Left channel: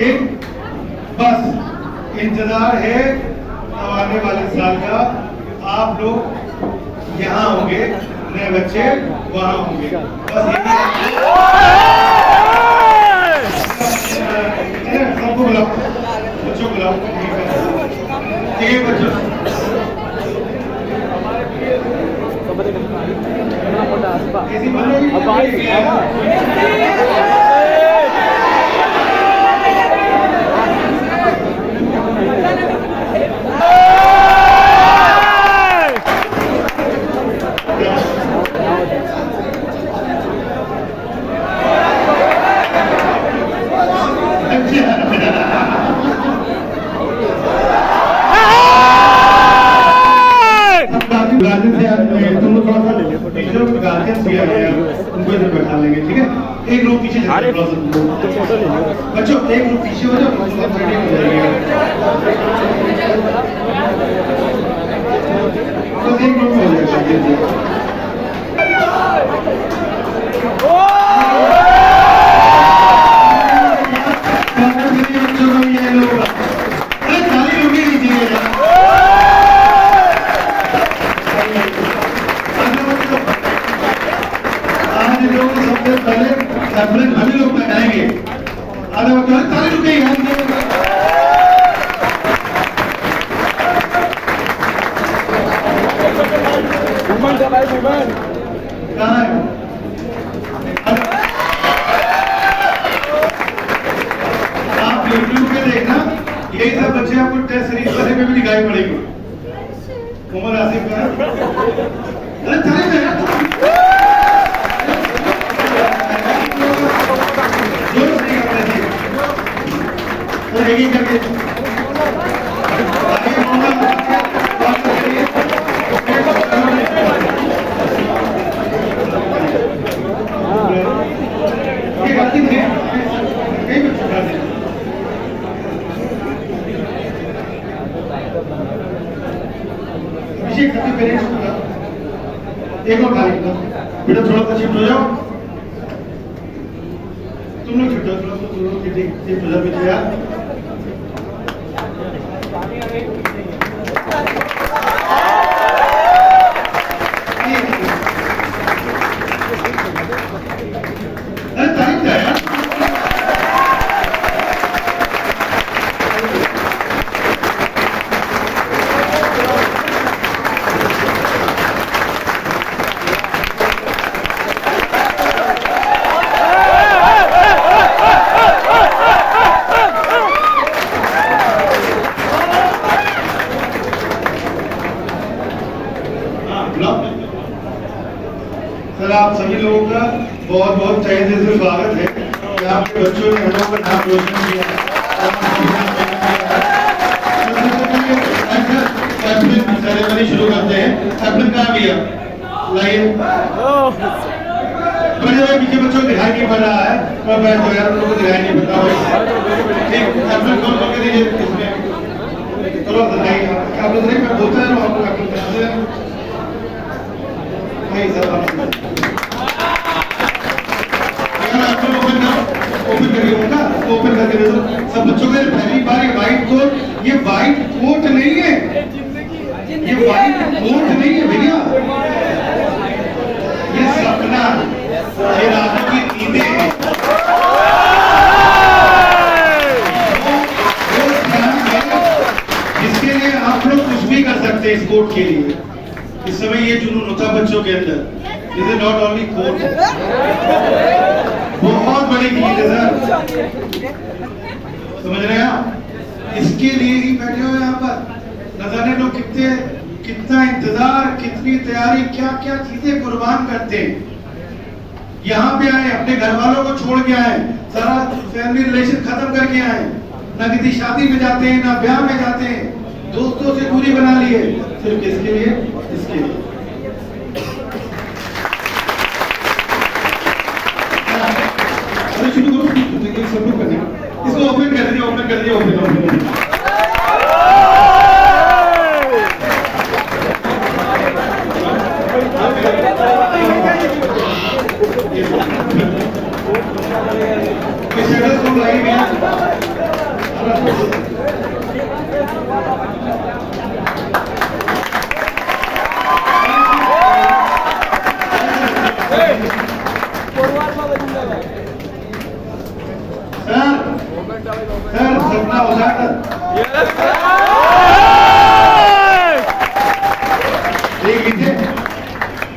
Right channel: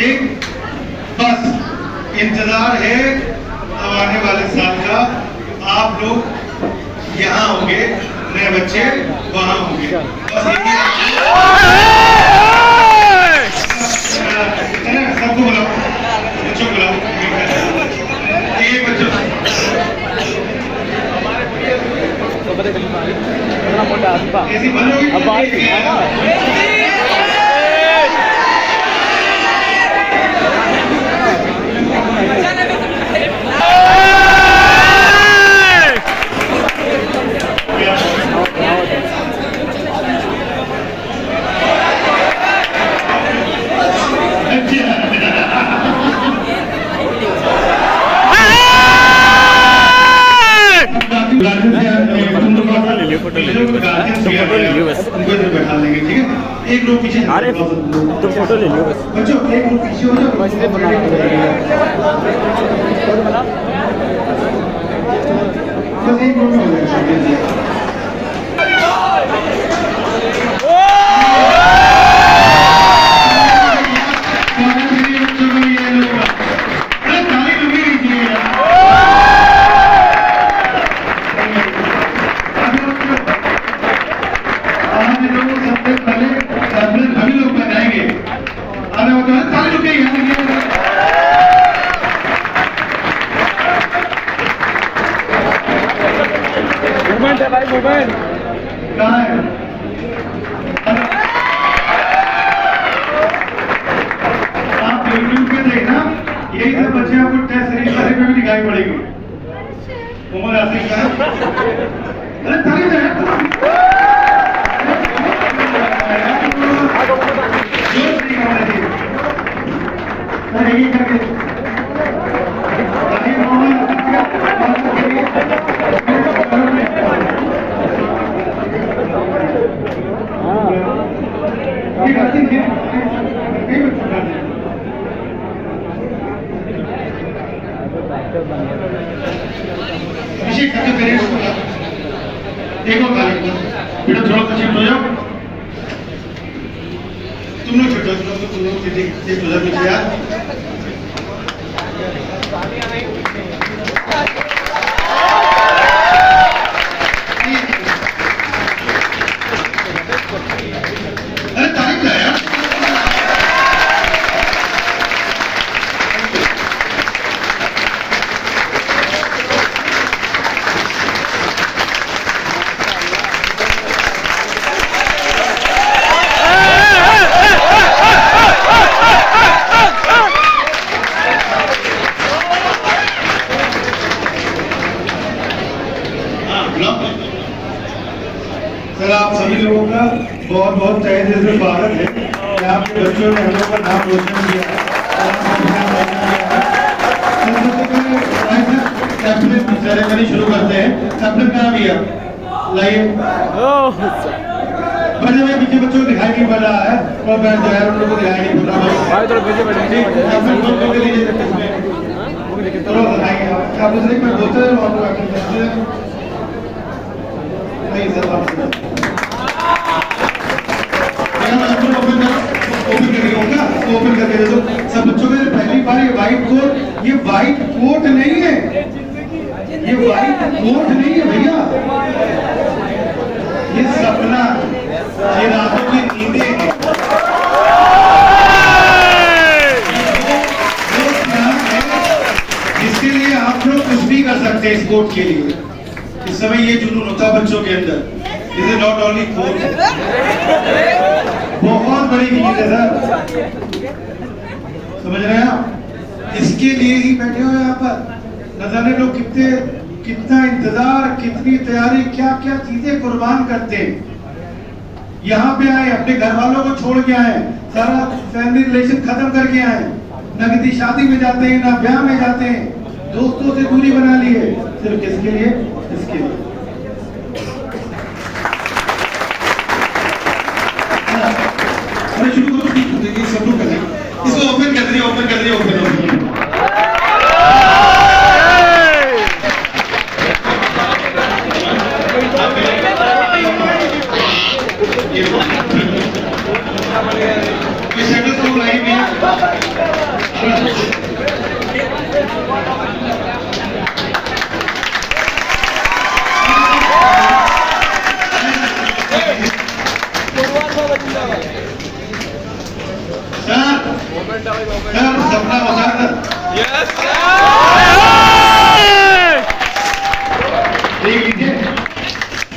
ठीक, बस इंतजार है अब आने वाले साल का। आप लोग यहाँ होंगे, नए बच्चे वहाँ होंगे, बस यही सबको बुलाओ, बच्चों को बुलाओ, ये बच्चों ऐसी बनोगी बैठा लेंगे, ठीक है? एक ग्रुप पीछे, अरे तो फोटो ले लो बच्चों, एक ग्रुप पीछे हो जाओ, बस एक ग्रुप में हो जाएगा। आप यूट्यूब पे देखना, यही सब बच्चे आपको टेस्ट सीरीज पढ़ने में भी दिखाई पड़ेगी। उमर आसिफ का अरे ताली दे जोर से करना चाहिए, और एक करके ताकि मोहन ये गलती है कई बच्चों का अभिषेक करके पेरेंट्स को देखो ताली बेटा थोड़ा सा शिफ्ट हो जाओ, तुम लोग शिफ्ट हो, तुम लोग शिफ्ट हो जाओ पीछे यार। अरे ताली क्या यार, सर आप सभी लोगों का बहुत बहुत तहे दिल से स्वागत है कि आपके बच्चों ने हम लोग का नाम रोशन किया। सेरेमनी शुरू करते हैं। कैप्टन कहाँ भी लाइए, बड़े भाई पीछे बच्चों को दिखाई नहीं पड़ रहा है, और बैठ जाओ यार, उन लोगों को दिखाई नहीं पड़ रहा है। कैप्टन कॉल करके दीजिए इसमें, चलो बताइए आप लोग मैं बोलते हैं, आप लोग कैप्टन जानते हैं नहीं सर, ओपन करके होगा, ओपन करके दे दो सब बच्चों के। पहली बार ये व्हाइट कोट, ये व्हाइट कोट नहीं है, ये व्हाइट कोट नहीं है भैया, ये सपना, ये रातों की नींदें हैं। इसके लिए आप लोग कुछ भी कर सकते हैं इस कोट के लिए। इस समय ये जुनून होता है बच्चों के अंदर, this is not only quote, बहुत बड़ी चीज है सर, समझ रहे हैं आप? इसके लिए ही बैठे हुए यहाँ पर, न जाने लोग कितना इंतजार, कितनी तैयारी, क्या क्या चीजें कुर्बान करते हैं। यहाँ पे आए, अपने घर वालों को छोड़ के आए, सारा फैमिली रिलेशन खत्म करके आए, न किसी शादी में जाते हैं, ना ब्याह में जाते हैं, दोस्तों से दूरी बना ली है, सिर्फ किसके लिए? इसके लिए। शुरू करो, सब लोग करें, इसको ओपन कर दिए, ओपन कर दिए, ओपन कोई सेटल तो लाइव है। सर सपना उजागर देख लीजिए,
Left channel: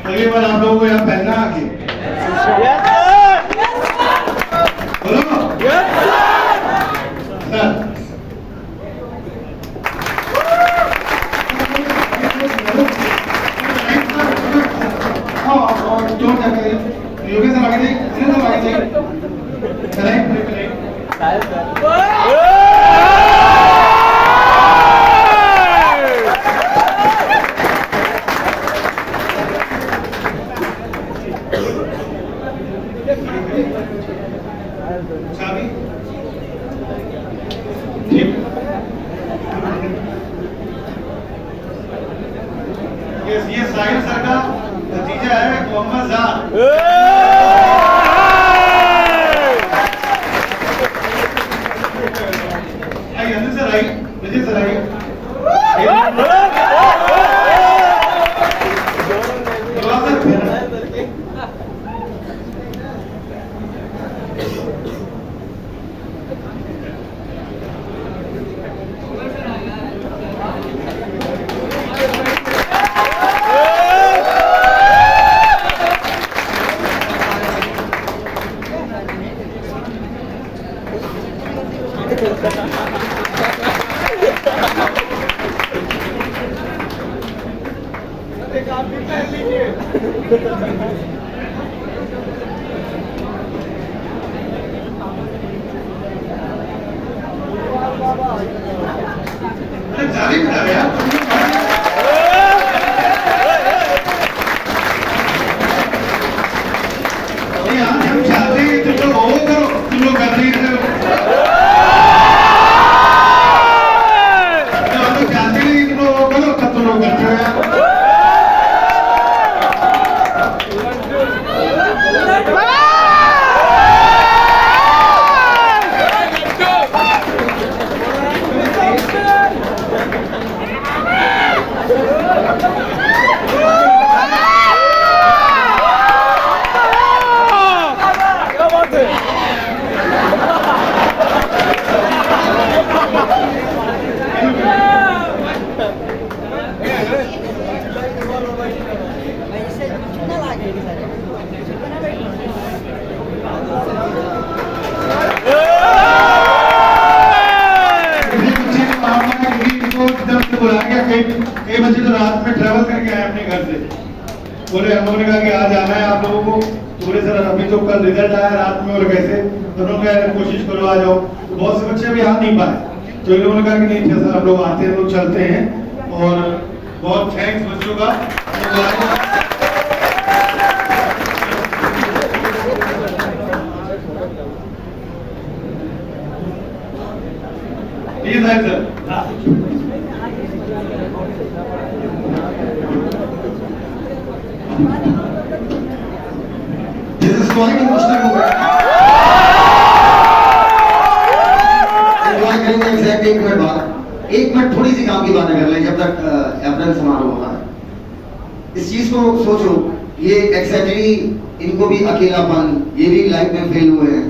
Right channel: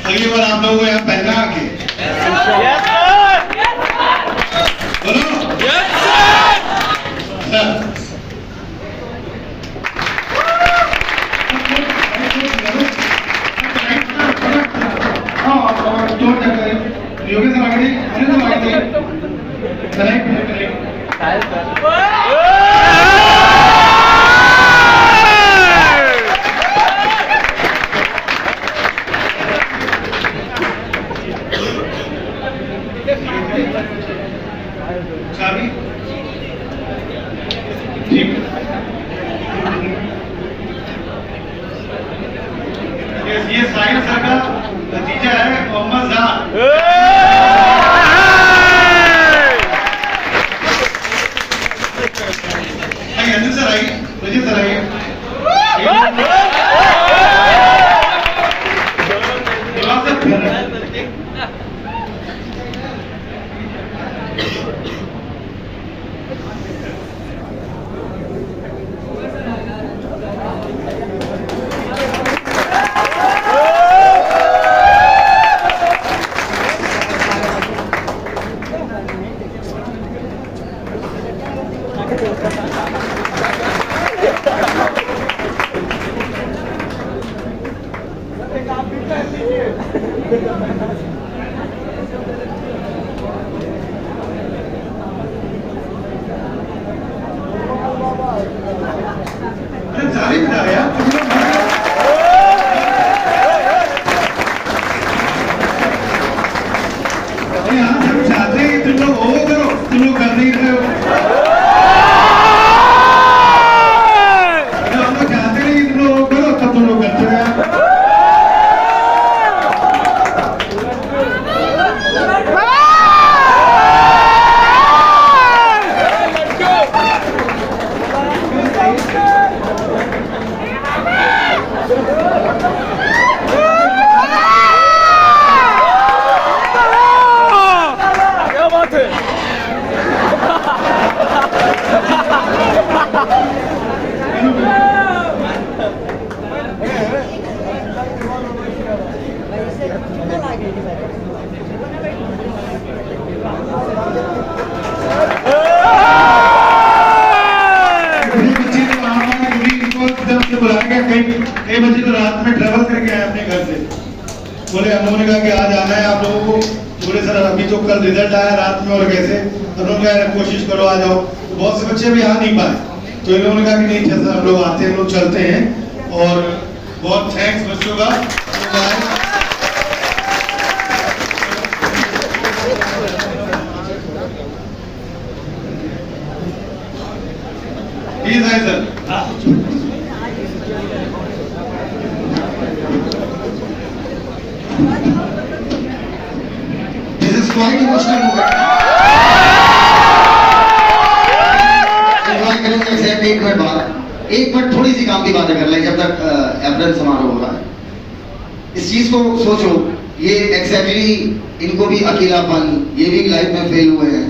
अगली बार आप लोगों को यहाँ पहना आगे बोलो सर। योगेश सर आगे करेक्ट चाबी ठीक। ये साहिल सर का नतीजा है मोहम्मद जान। अनिल सर आइए, रजित सर आइए। जारी बिठा यार नहीं, हम चाहते हैं तुम लोग वो करो, तुम लोग कर नहीं रहे हो। हम लोग चाहते नहीं तुम लोग वो करो, तब तुम लोग करते हो यार। कई बजे तो रात में ट्रैवल करके आए अपने घर से, बोले उन्होंने कहा कि आज आना है आप लोगों को। तो बोले सर अभी तो कल रिजल्ट आया रात में और कैसे, तो उन्होंने कहा कोशिश करो आ जाओ। तो बहुत से बच्चे भी आ नहीं पाए, तो इन्होंने कहा कि नहीं अच्छा सर हम लोग आते हैं, लोग चलते हैं। और बहुत थैंक्स बच्चों का। प्लीज आए sir. This is quite emotional moment. एक मिनट थोड़ी सी काम की बातें कर ले जब तक एप्रन समारोह होगा। इस चीज को सोचो, ये एक्सैक्टली इनको भी अकेलापन, ये भी लाइफ में फेल हुए हैं,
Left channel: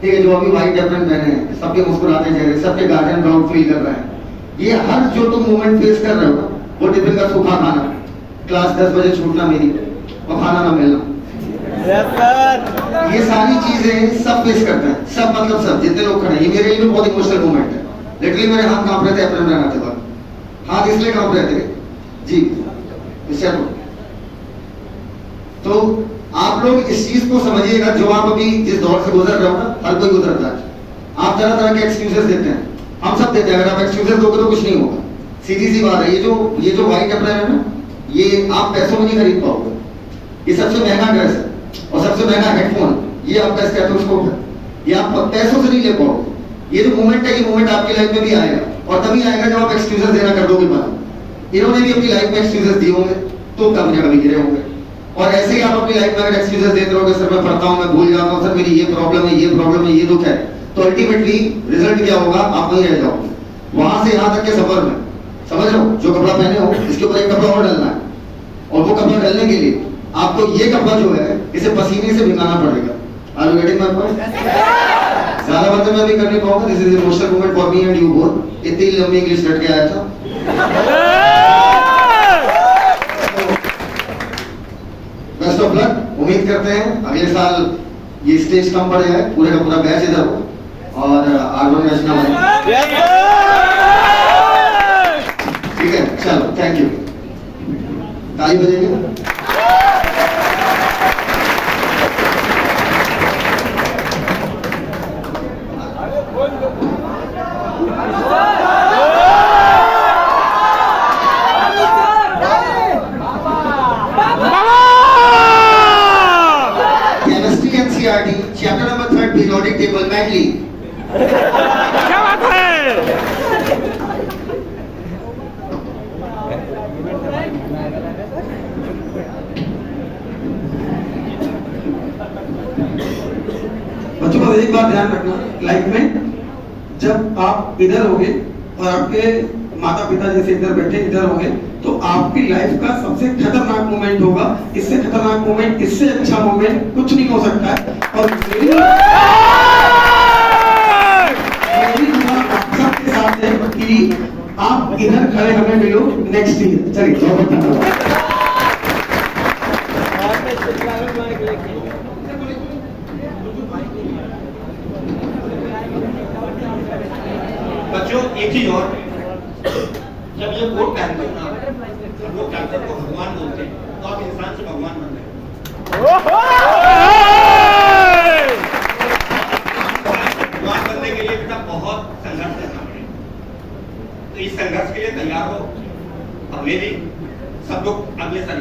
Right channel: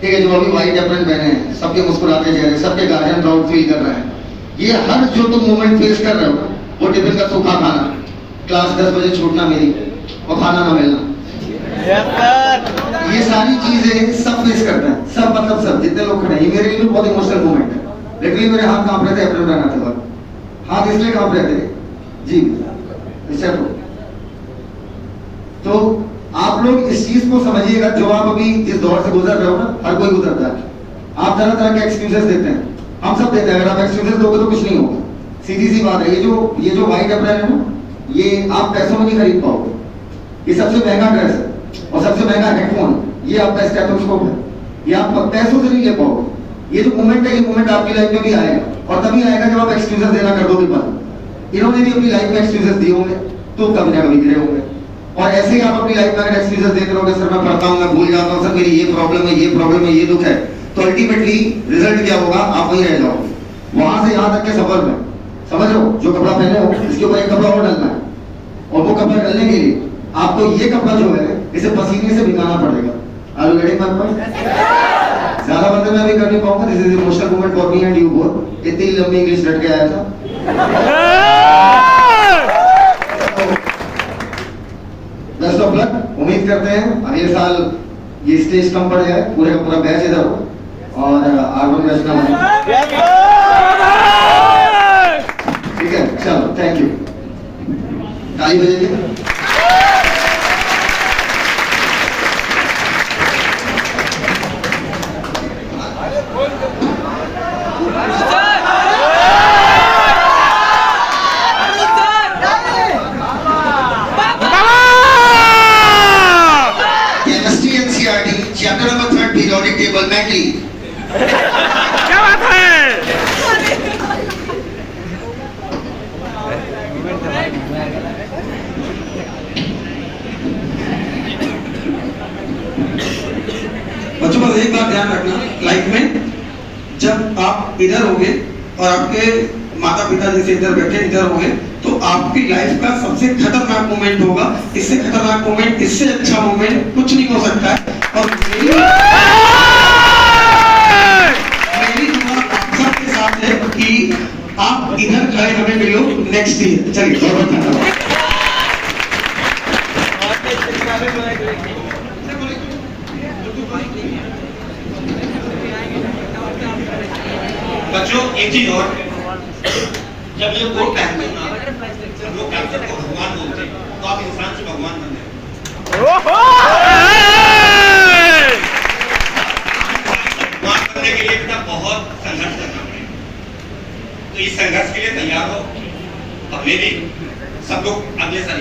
ठीक है। जो अभी व्हाइट एप्रन पहने हैं, सबके मुस्कुराते चेहरे, सबके गार्जियन प्राउड फील कर रहे हैं। ये हर जो तुम मोमेंट फेस कर रहे हो, वो टिफिन का सूखा खाना, क्लास 10 बजे छूटना मेरी और खाना ना मिलना, ये सारी चीजें सब फेस करते हैं। सब मतलब सब जितने लोग खड़े हैं, ये मेरे लिए बहुत इमोशनल मोमेंट है। लिटरली मेरे हाथ कांप रहे थे अप्रैल बनाते वक्त, हाथ इसलिए कांप रहे थे जी। तो आप लोग इस चीज को समझिएगा, जो आप अभी जिस दौर से गुजर रहे हो ना, हर कोई गुजरता है। आप तरह तरह के एक्सक्यूजेस देते हैं, हम सब देते हैं। अगर आप एक्सक्यूजेस दोगे तो कुछ नहीं होगा, सीधी सी बात है। ये जो व्हाइट अप्रैल है ना, ये आप पैसों में नहीं खरीद पाओगे। ये सबसे महंगा ड्रेस है और सबसे महंगा हेडफोन, ये आपका स्टेथोस्कोप है, ये आप पैसों से नहीं ले पाओगे। ये जो मोमेंट है, ये मोमेंट आपकी लाइफ में भी आएगा, और तभी आएगा जब आप एक्सक्यूजेस देना कर दोगे बंद। इन्होंने भी अपनी लाइफ में एक्सक्यूजेस दिए होंगे, तो कभी ना कभी गिरे होंगे। और ऐसे ही आप अपनी लाइफ में अगर एक्सक्यूजेस देते रहोगे, सर मैं पढ़ता हूँ, मैं भूल जाता हूँ, सर मेरी ये प्रॉब्लम है, ये प्रॉब्लम है, ये दुख है, तो अल्टीमेटली रिजल्ट क्या होगा, आप वहीं रह जाओगे। वहां से यहाँ तक के सफर में समझ लो, जो कपड़ा पहने हो इसके ऊपर एक कपड़ा और डालना है, और वो कपड़ा डालने के लिए आपको ये कपड़ा जो है इसे पसीने से भिगाना पड़ेगा। Are you getting my point? ज्यादा बातें मैं अभी कर नहीं पाऊंगा. This is emotional moment for me and you both. इतनी लंबी इंग्लिश रट के आया था. Best of luck. उम्मीद करते हैं अगले साल ये स्टेज कम पड़ जाए, पूरे का पूरा बैच इधर हो और आगमन रचना बने. ठीक है, चलो, थैंक यू. ताली बजेंगे. चैप्टर नंबर 3 पीरियोडिक टेबल मैटली. क्या बात है? बच्चों बस एक बात ध्यान रखना, लाइफ में जब आप इधर होगे और आपके माता पिता जैसे इधर बैठे इधर होगे तो आपकी लाइफ का सबसे खतरनाक मोमेंट होगा. इससे खतरनाक मोमेंट, इससे अच्छा मोमेंट कुछ नहीं हो सकता है. और मेरी दुआ आप सबके साथ है कि आप इधर खड़े हमें मिलो नेक्स्ट ईयर. चलिए, बहुत धन्यवाद. बच्चों एक चीज और, जब ये कोट पहनते हो ना, लोग कैंसर को भगवान बोलते हैं, तो आप इंसान से भगवान बन रहे हो. भगवान बनने के लिए बेटा बहुत संघर्ष करना पड़ेगा. तो इस संघर्ष के लिए तैयार हो. और मैं भी सब लोग अगले साल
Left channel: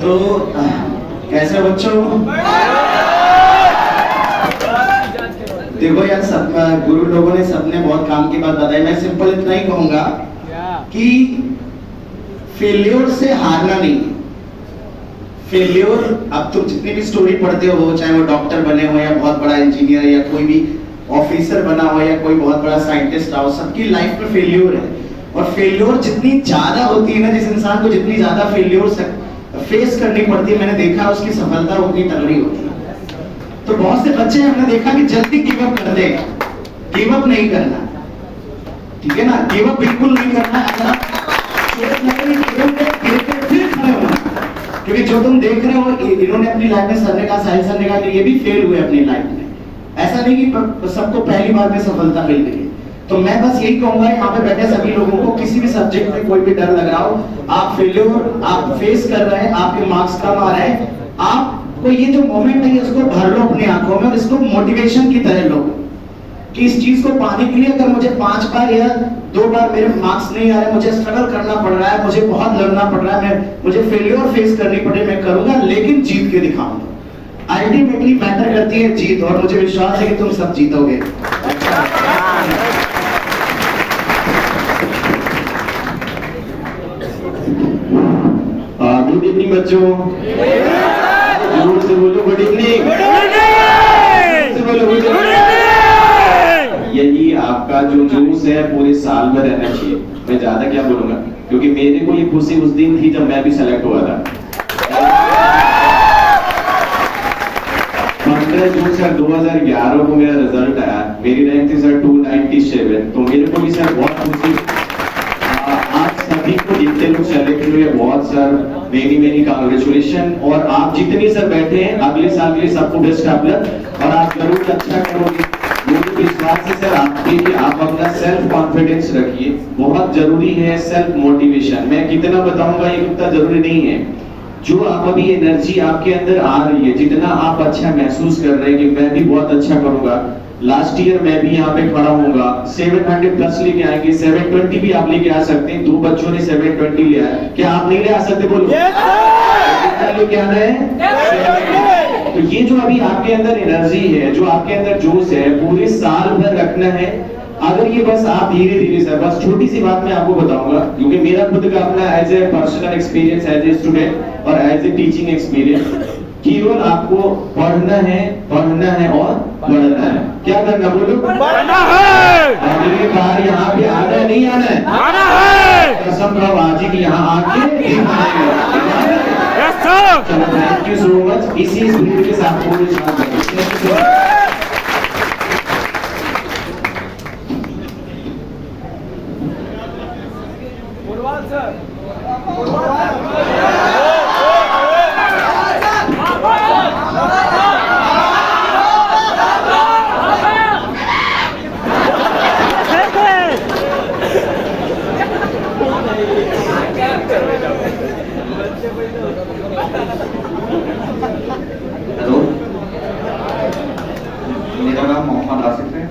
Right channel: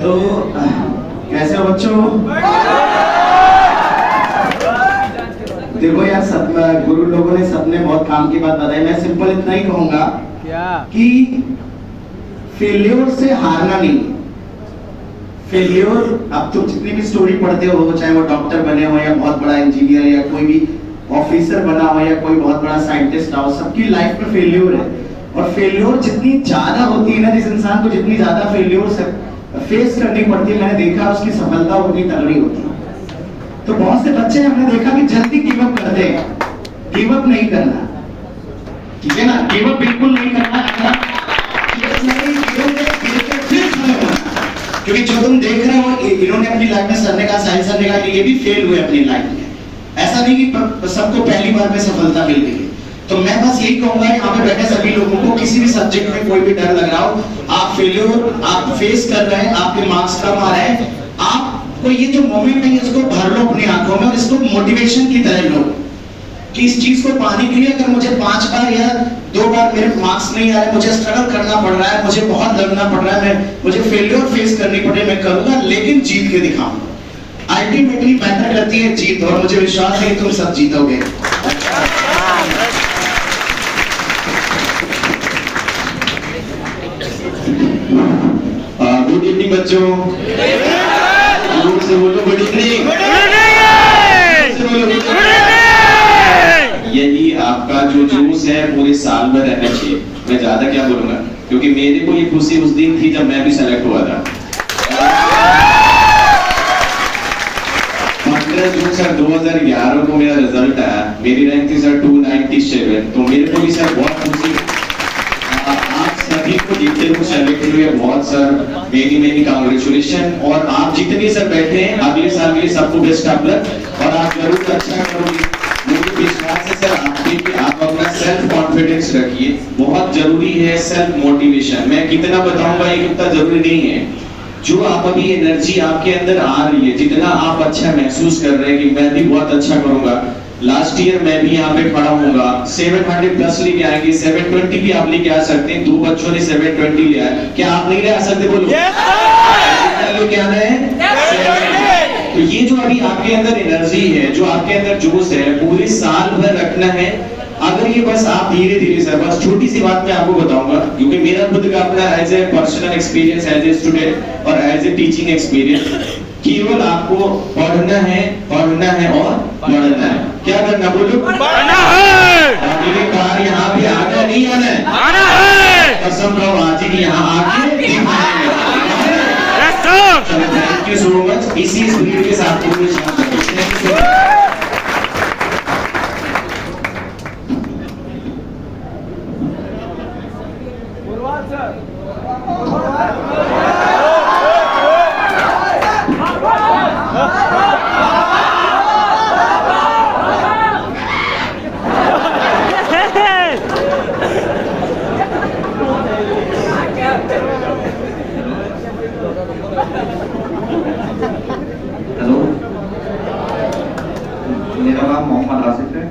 तो कैसे बच्चों? देखो यार, सब गुरु लोगों ने सबने बहुत काम की बात बताई. मैं सिंपल इतना ही कहूंगा कि फेल्योर से हारना नहीं. फेल्योर, अब तुम जितनी भी स्टोरी पढ़ते हो, चाहे वो डॉक्टर बने हो या बहुत बड़ा इंजीनियर या कोई भी ऑफिसर बना हो या कोई बहुत बड़ा साइंटिस्ट हो, सबकी लाइफ में फेल्योर है. और फेल्योर जितनी ज्यादा होती है ना, जिस इंसान को जितनी ज्यादा फेल्योर फेस करनी पड़ती है, मैंने देखा उसकी सफलता उतनी तगड़ी होती है. तो बहुत से बच्चे हमने देखा कि जल्दी गिव अप करते हैं. गिव अप नहीं करना, ठीक है ना? गिव अप बिल्कुल नहीं करना. क्योंकि जो तुम देख रहे हो, इन्होंने अपनी लाइफ में, सर ने कहा, साहिल सर ने कहा कि ये भी फेल हुए अपनी लाइफ में. ऐसा नहीं कि सबको पहली बार में सफलता मिल गई. तो मैं बस यही कहूंगा यहाँ पे बैठे सभी लोगों को, किसी भी सब्जेक्ट में कोई भी डर लग रहा हो, आप फेल्योर आप फेस कर रहे हैं, आपके मार्क्स कम आ रहे हैं, आपको ये जो मोमेंट है इसको भर लो अपनी आंखों में और इसको मोटिवेशन की तरह लो कि इस चीज को पाने के लिए अगर मुझे 5 बार या 2 बार मेरे मार्क्स नहीं आ रहे, मुझे स्ट्रगल करना पड़ रहा है, मुझे बहुत लड़ना पड़ रहा है, मुझे फेल्योर फेस करनी पड़े, मैं करूंगा, लेकिन जीत के दिखाऊंगा. अल्टीमेटली मैटर करती है जीत, और मुझे विश्वास है कि तुम सब जीतोगे. गुड इवनिंग बच्चों. जोर से बोलो गुड इवनिंग. यही आपका जो जोश है पूरे साल में रहना चाहिए. मैं ज्यादा क्या बोलूंगा, क्योंकि मेरे को ये खुशी उस दिन थी जब मैं भी सेलेक्ट हुआ था. 15 जून सर 2011 को मेरा रिजल्ट आया. मेरी रैंक थी सर 297. तो मेरे को भी सर बहुत खुशी. आप सभी को जितने लोग सेलेक्ट हुए बहुत सर मेनी कांग्रेचुलेशन. और आप जितने सर बैठे हैं, अगले साल के लिए सबको बेस्ट ऑफ लक. और आप जरूर अच्छा करोगे, मुझे विश्वास है सर आप पे कि आप अपना सेल्फ कॉन्फिडेंस रखिए. बहुत जरूरी है सेल्फ मोटिवेशन. मैं कितना बताऊंगा ये उतना जरूरी नहीं है. जो आप अभी एनर्जी आपके अंदर आ रही है, जितना आप अच्छा महसूस कर रहे हैं कि मैं भी बहुत अच्छा करूंगा, लास्ट ईयर मैं भी यहाँ पे खड़ा होऊंगा, 700 प्लस लेके आएंगे, 720 भी आप लेके आ सकते हैं. 2 बच्चों ने 720 लिया है, क्या आप नहीं ले आ सकते? बोलो लेके आना है. तो ये जो अभी आपके अंदर एनर्जी है, जो आपके अंदर जोश है, पूरे साल भर रखना है. अगर ये बस आप धीरे धीरे सर, बस छोटी सी बात मैं आपको बताऊंगा, क्योंकि मेरा खुद का अपना as a personal experience, as a student और एज ए टीचिंग एक्सपीरियंस, केवल आपको पढ़ना है और बढ़ना है। क्या करना बोलो? पढ़ना है। अगली बार यहाँ पे आना नहीं आना है? आना है। कसम रहो आज ही यहाँ आके दिखाएंगे। Yes sir. चलो थैंक यू सो मच। इसी स्पीड के साथ पूरे शाम तक हेलो, मेरा नाम मोहम्मद आसिफ है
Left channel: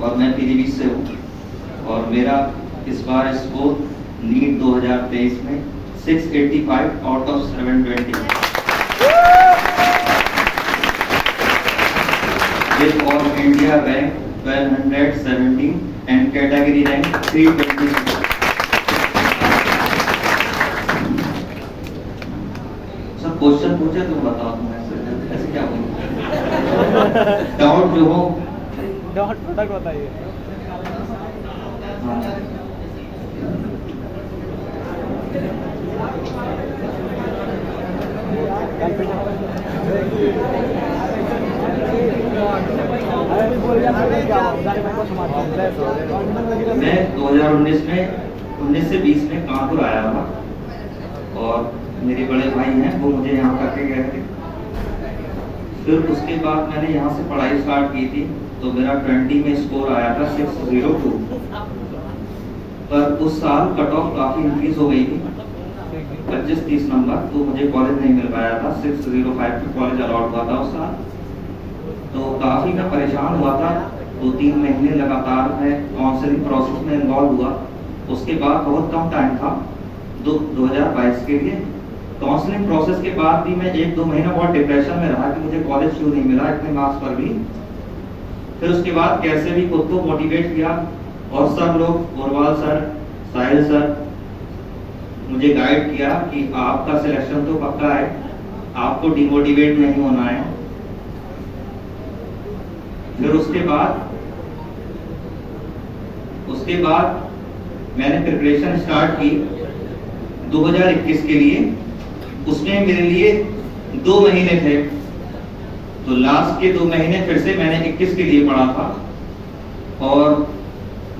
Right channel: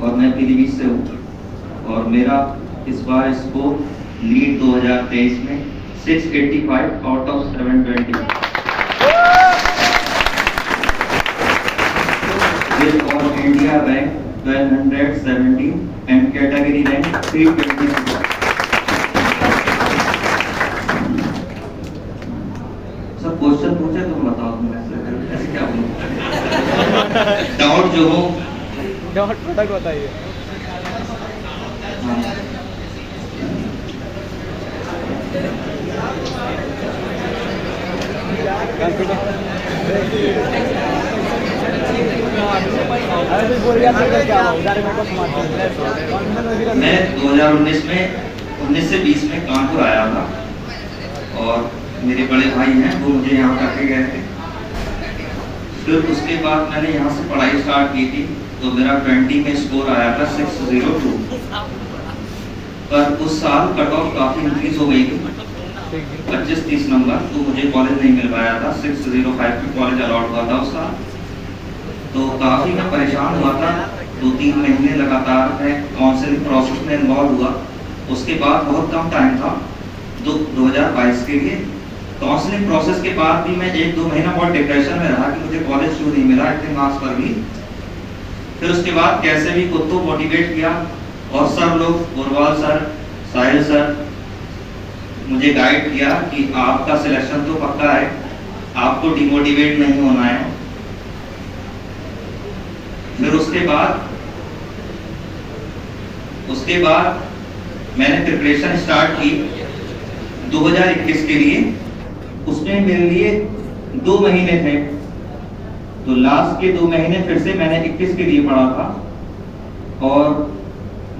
और मैं पीलीभीत से हूँ और मेरा इस बार स्कोर नीट 2023 में 685 out of 720 with all India rank 1270 and category rank 326। सब क्वेश्चन पूछे तो बताओ तुम ऐसे क्या बोलूं? डाउट जो हो बताइए। हाँ। मैं 2019 में 19 से 20 में कानपुर आया था और मेरे बड़े भाई हैं वो मुझे यहाँ करके गए थे। फिर उसके बाद मैंने यहाँ से पढ़ाई स्टार्ट की थी तो मेरा 20 में स्कोर आया था 602। पर उस साल कट ऑफ काफ़ी इंक्रीज हो गई थी 25-30 नंबर, तो मुझे कॉलेज नहीं मिल पाया था। 605 में कॉलेज अलॉट हुआ था उस साल, तो काफ़ी मैं परेशान हुआ था। 2-3 महीने लगातार मैं काउंसलिंग प्रोसेस में इन्वॉल्व हुआ। उसके बाद बहुत कम टाइम था 2022 के लिए। काउंसलिंग प्रोसेस के बाद भी मैं 1-2 महीना बहुत डिप्रेशन में रहा कि मुझे कॉलेज क्यों नहीं मिला इतने मार्क्स पर भी। फिर उसके बाद कैसे भी खुद को मोटिवेट किया और सब लोग, गोरवाल सर, साहिल सर, मुझे गाइड किया कि आपका सिलेक्शन तो पक्का है, आपको डिमोटिवेट नहीं होना है। फिर उसके बाद मैंने प्रिपरेशन स्टार्ट की 2021 के लिए। उसमें मेरे लिए 2 महीने थे, तो लास्ट के 2 महीने फिर से मैंने 21 के लिए पढ़ा था और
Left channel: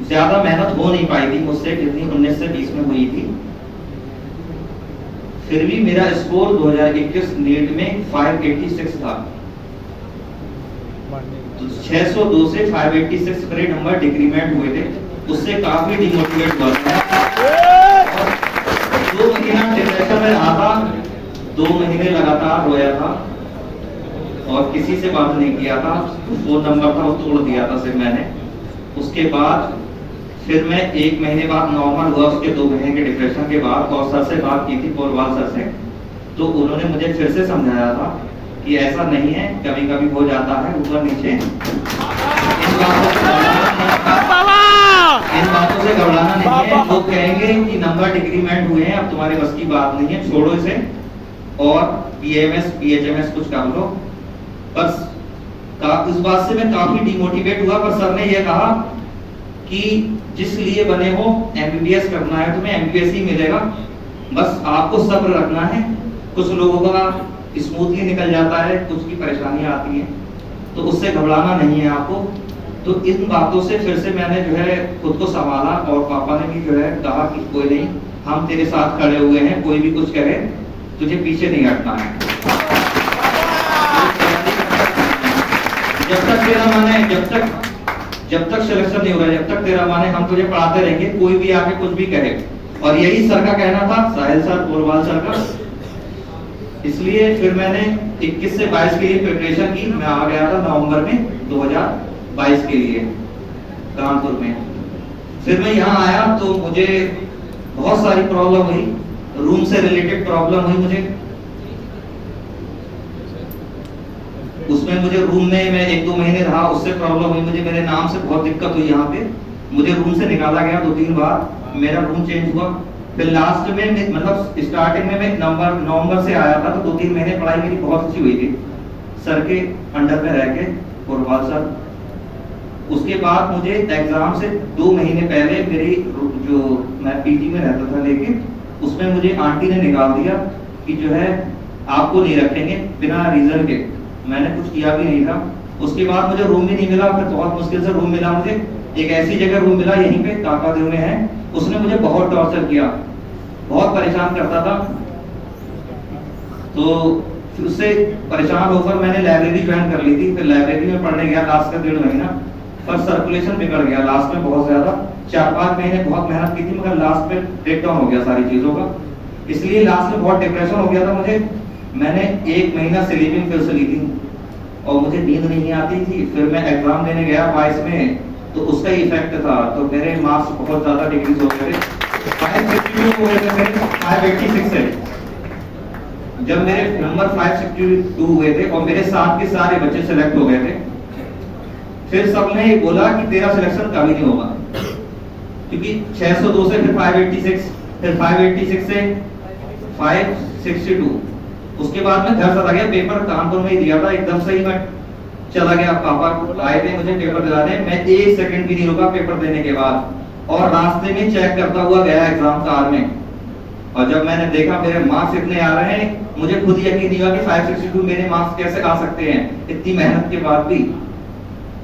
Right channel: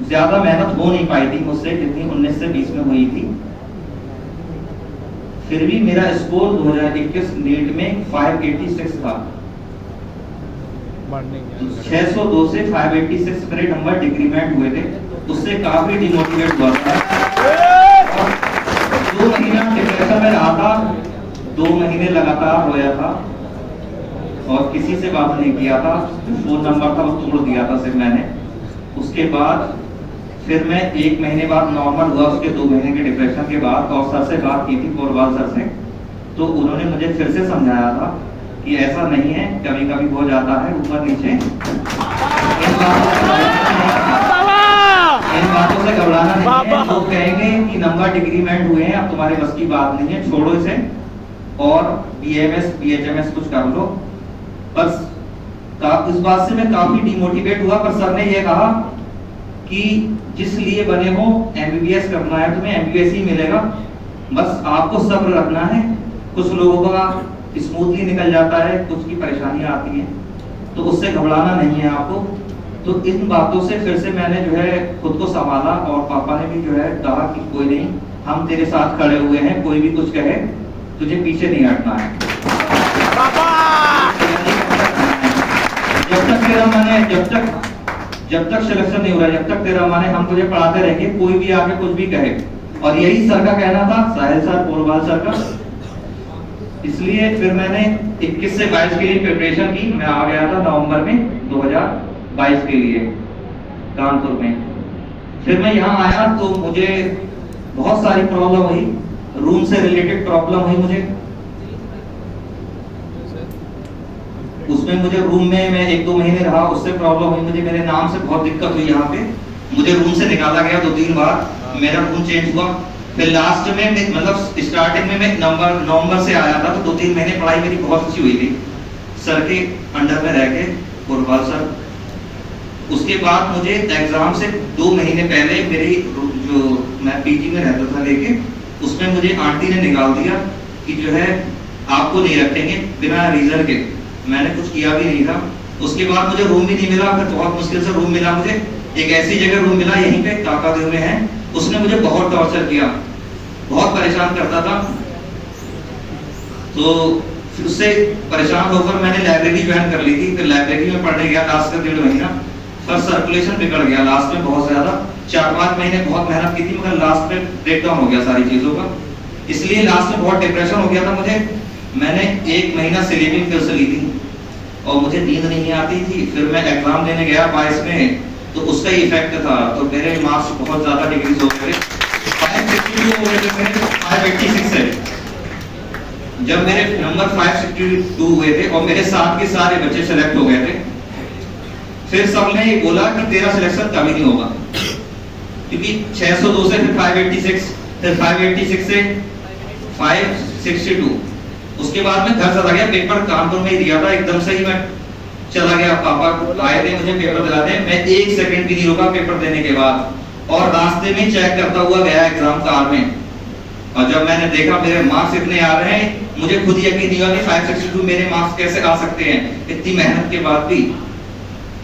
ज्यादा मेहनत हो नहीं पाई थी मुझसे जितनी 19 से 20 में हुई थी। फिर भी मेरा स्कोर 2021 नीट में 586 था। 602 से 586 मेरे नंबर डिक्रीमेंट हुए थे, उससे काफी डिमोटिवेट हुआ था। 2 महीना डिप्रेशन में रहा था, 2 महीने लगातार रोया था और किसी से बात नहीं किया था। फोन नंबर था वो तोड़ दिया था सिर्फ मैंने। उसके बाद फिर मैं 1 महीने बाद नॉर्मल हुआ। उसके 2 महीने के डिप्रेशन के बाद और सर से बात की थी, गोरवाल सर से, तो उन्होंने मुझे फिर से समझाया था कि ऐसा नहीं है, कभी कभी हो जाता है ऊपर नीचे। इन बातों से घबराना नहीं है। लोग कहेंगे कि नंबर डिक्रीमेंट हुए हैं, अब तुम्हारे बस की बात नहीं है, छोड़ो इसे और BMS BHMS कुछ कर लो बस। इस बात से मैं काफी डिमोटिवेट हुआ। पर सर ने यह कहा कि जिस लिए बने हो MBBS करना है तुम्हें, MBBS ही मिलेगा, बस आपको सब्र रखना है। कुछ लोगों का स्मूथली निकल जाता है, कुछ की परेशानियां आती हैं, तो उससे घबराना नहीं है आपको। तो इन बातों से फिर से मैंने जो है खुद को संभाला और पापा ने भी जो है कहा कि कोई नहीं, हम तेरे साथ खड़े हुए हैं, कोई भी कुछ कहे तुझे पीछे नहीं हटना है। जब तक तेरा मन है, जब तक सिलेक्शन नहीं हो रहा, जब तक तेरा मन है, हम तुझे पढ़ाते रहेंगे, कोई भी आके कुछ भी कहे। और यही सर का कहना था, साहिल सर, गोरवाल सर का। इसलिए फिर मैंने 21 से 22 के लिए प्रिपरेशन की। मैं आ गया था नवंबर में 2022 के लिए कानपुर में। फिर मैं यहाँ आया तो मुझे बहुत सारी प्रॉब्लम हुई, रूम से रिलेटेड प्रॉब्लम हुई मुझे। उसमें मुझे रूम में मैं 1-2 महीने रहा, उससे प्रॉब्लम हुई मुझे। मेरे नाम से बहुत दिक्कत हुई यहाँ पे, मुझे रूम से निकाला गया 2-3 बार, मेरा रूम चेंज हुआ। फिर लास्ट में मतलब स्टार्टिंग में मैं नवंबर से आया था, तो 2-3 महीने पढ़ाई मेरी बहुत अच्छी हुई थी सर के अंडर में रह के, गुरपाल सर। उसके बाद मुझे एग्जाम से 2 महीने पहले मेरी जो मैं पीजी में रहता था लेके, उसमें मुझे आंटी ने निकाल दिया कि जो है आपको नहीं रखेंगे बिना रीजन के। मैंने कुछ किया भी नहीं था। उसके बाद मुझे रूम भी नहीं मिला, फिर बहुत मुश्किल से रूम मिला मुझे। एक ऐसी जगह रूम मिला यहीं पे काकादेव में है, उसने मुझे बहुत टॉर्चर किया, बहुत परेशान करता था। तो फिर उससे परेशान होकर मैंने लाइब्रेरी ज्वाइन कर ली थी। फिर लाइब्रेरी में पढ़ने गया लास्ट का 1.5 महीना, पर सर्कुलेशन बिगड़ गया लास्ट में बहुत ज्यादा। 4-5 महीने बहुत मेहनत की थी, मगर लास्ट में ब्रेक डाउन हो गया सारी चीजों का, इसलिए लास्ट में बहुत डिप्रेशन हो गया था मुझे। मैंने 1 महीना स्लीपिंग पिल्स ली थी और मुझे नींद नहीं आती थी। फिर मैं एग्जाम देने गया 22 में, तो उसका ही इफेक्ट था। तो मेरे मार्क्स बहुत ज्यादा डिक्रीज हो गए, 552 हो गए थे मेरे, 586 से। जब मेरे नंबर 562 हुए थे और मेरे साथ के सारे बच्चे सिलेक्ट हो गए थे, फिर सबने ये बोला कि तेरा सिलेक्शन कभी नहीं होगा, क्योंकि 602 से फिर 586, फिर 586 से 562। उसके बाद मैं घर चला गया, पेपर कानपुर में ही दिया था। एकदम से ही मैं चला गया, पापा आए थे मुझे पेपर दिलाने, मैं 1 सेकंड भी नहीं रुका पेपर देने के बाद, और रास्ते में चेक करता हुआ गया एग्जाम कार में। और जब मैंने देखा मेरे मार्क्स इतने आ रहे हैं, मुझे खुद यकीन नहीं हुआ कि 562 मेरे मार्क्स कैसे आ सकते हैं इतनी मेहनत के बाद भी।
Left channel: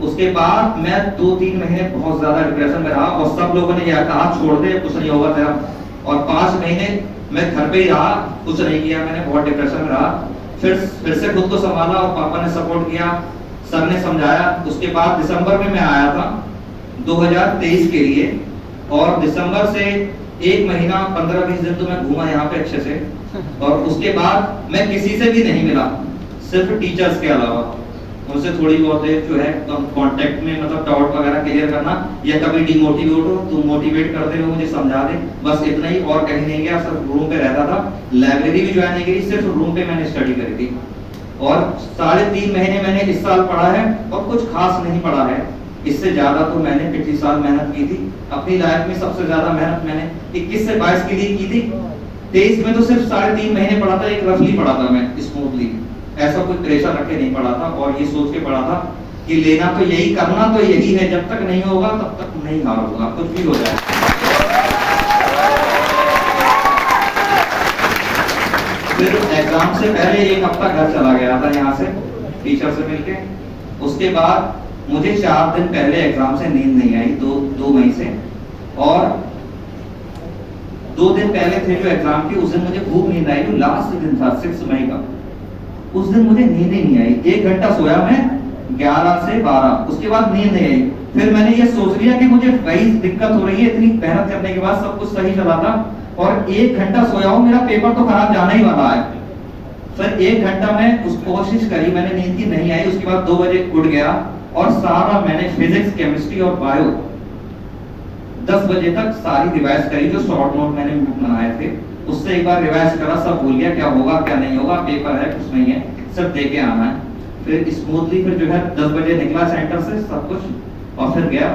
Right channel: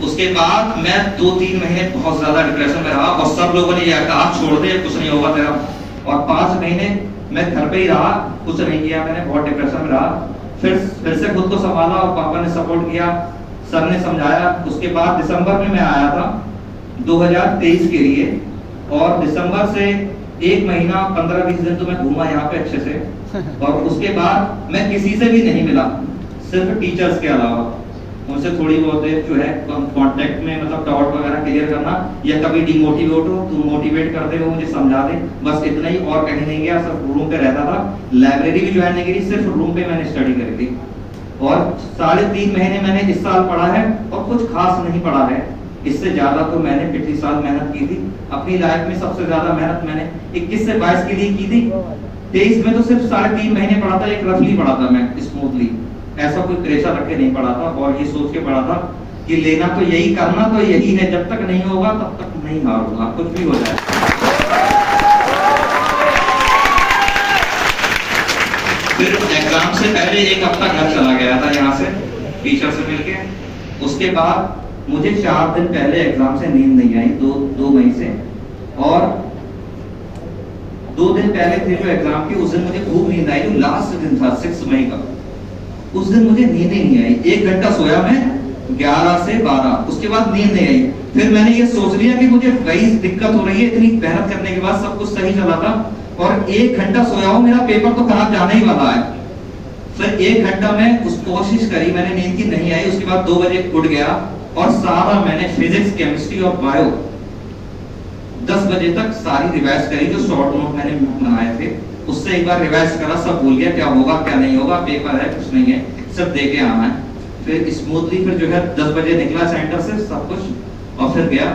उसके बाद मैं 2-3 महीने बहुत ज्यादा डिप्रेशन में रहा, और सब लोगों ने यह कहा छोड़ दे, कुछ नहीं होगा तेरा। और 5 महीने मैं घर पे ही रहा, कुछ नहीं किया मैंने, बहुत डिप्रेशन में रहा। फिर से खुद को संभाला और पापा ने सपोर्ट किया, सर ने समझाया। उसके बाद दिसंबर में मैं आया था 2023 के लिए, और दिसंबर से 1 महीना 15-20 दिन तो मैं घूमा यहाँ पे अच्छे से। और उसके बाद मैं किसी से भी नहीं मिला, सिर्फ टीचर्स के अलावा। उनसे थोड़ी बहुत जो है कांटेक्ट में, मतलब डाउट वगैरह क्लियर करना, या कभी डिमोटिवेट हो तो मोटिवेट करते हुए मुझे समझा दे, बस इतना ही, और कहीं नहीं गया। सिर्फ रूम पे रहता था, लाइब्रेरी भी ज्वाइन नहीं करी, सिर्फ रूम पे मैंने स्टडी करी थी। और 3.5 महीने मैंने इस साल पढ़ा है, और कुछ खास नहीं पढ़ा है। इससे ज्यादा तो मैंने पिछले साल मेहनत की थी। अपनी लाइफ में सबसे ज्यादा मेहनत मैंने 21 से 22 के लिए की थी। 23 में तो सिर्फ 3.5 महीने पढ़ा था, एक रफली पढ़ा था मैं, स्मूथली, ऐसा कोई प्रेशर रख के नहीं पढ़ा था। और ये सोच के पढ़ा था कि लेना तो यही, करना तो यही है, जब तक नहीं होगा तब तक नहीं हारूंगा, कुछ भी हो जाए। फिर एग्जाम से पहले 1 हफ्ता घर चला गया था यहाँ से टीचर से मिलके। उसके बाद मुझे 4 दिन पहले एग्जाम से नींद नहीं आई, 2 मई से। और 2 दिन पहले थे जो एग्जाम की, उस दिन मुझे खूब नींद आई, जो लास्ट दिन था 6 मई का, उस दिन मुझे नींद ही नहीं आई। 1 घंटा सोया मैं 11 से 12, उसके बाद नींद नहीं आई। फिर मैंने ये सोच लिया कि मुझे वही दिक्कत हो रही है, इतनी मेहनत करने के बाद सब कुछ सही चला था, और 1 घंटा सोया हूं, मेरा पेपर तो खराब जाने ही वाला है। फिर 1 घंटा में उस कोशिश करी, मैंने नींद की नहीं आई। उसके बाद 2 बजे उठ गया, और सारा मैंने फिजिक्स, केमिस्ट्री और बायो 10 बजे तक सारी रिवाइज करी, जो शॉर्ट नोट मैंने बनाए थे उससे एक बार रिवाइज करा, सब भूल गया, क्या होगा क्या नहीं होगा, पेपर है कुछ नहीं है, सब दे के आना है। फिर स्मूथली फिर जो है 10 बजे निकला सेंटर से सब कुछ, और फिर गया,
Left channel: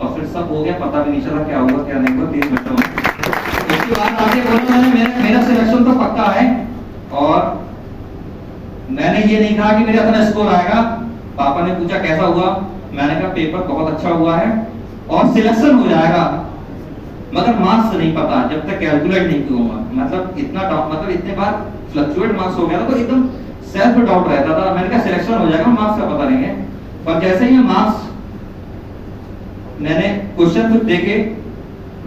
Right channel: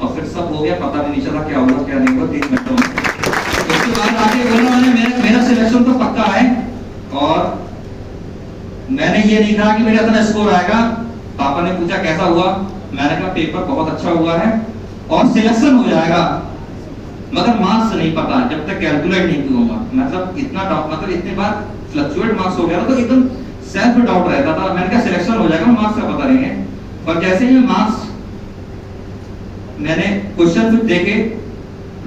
और फिर सब हो गया, पता भी नहीं चला क्या हुआ क्या नहीं हुआ 3 घंटों में। उसके बाद आगे बोला मेरा सिलेक्शन तो पक्का है, और मैंने ये नहीं कहा कि मेरा इतना स्कोर आएगा। पापा ने पूछा कैसा हुआ, मैंने कहा पेपर बहुत अच्छा हुआ है और सिलेक्शन हो जाएगा, मगर मार्क्स नहीं पता, जब तक कैलकुलेट नहीं करूंगा। मतलब इतना डाउट, मतलब इतने बार फ्लक्चुएट मार्क्स हो गया था, तो एकदम सेल्फ डाउट रहता था। मैंने कहा सिलेक्शन हो जाएगा, मार्क्स का पता नहीं है। और जैसे ही मार्क्स मैंने क्वेश्चन देखे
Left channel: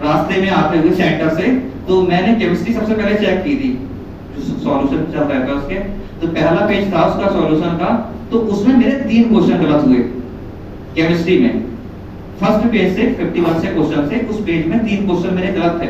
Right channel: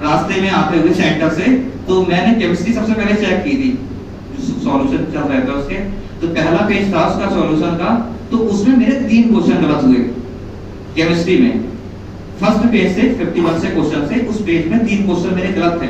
रास्ते में आते हुए सेंटर से, तो मैंने केमिस्ट्री सबसे पहले चेक की थी, जो सॉल्यूशन चल रहा था उसके, तो पहला पेज था उसका सॉल्यूशन का, तो उसमें मेरे 3 क्वेश्चन गलत हुए केमिस्ट्री में। फर्स्ट पेज से 51 से क्वेश्चन से उस पेज में 3 क्वेश्चन मेरे गलत थे।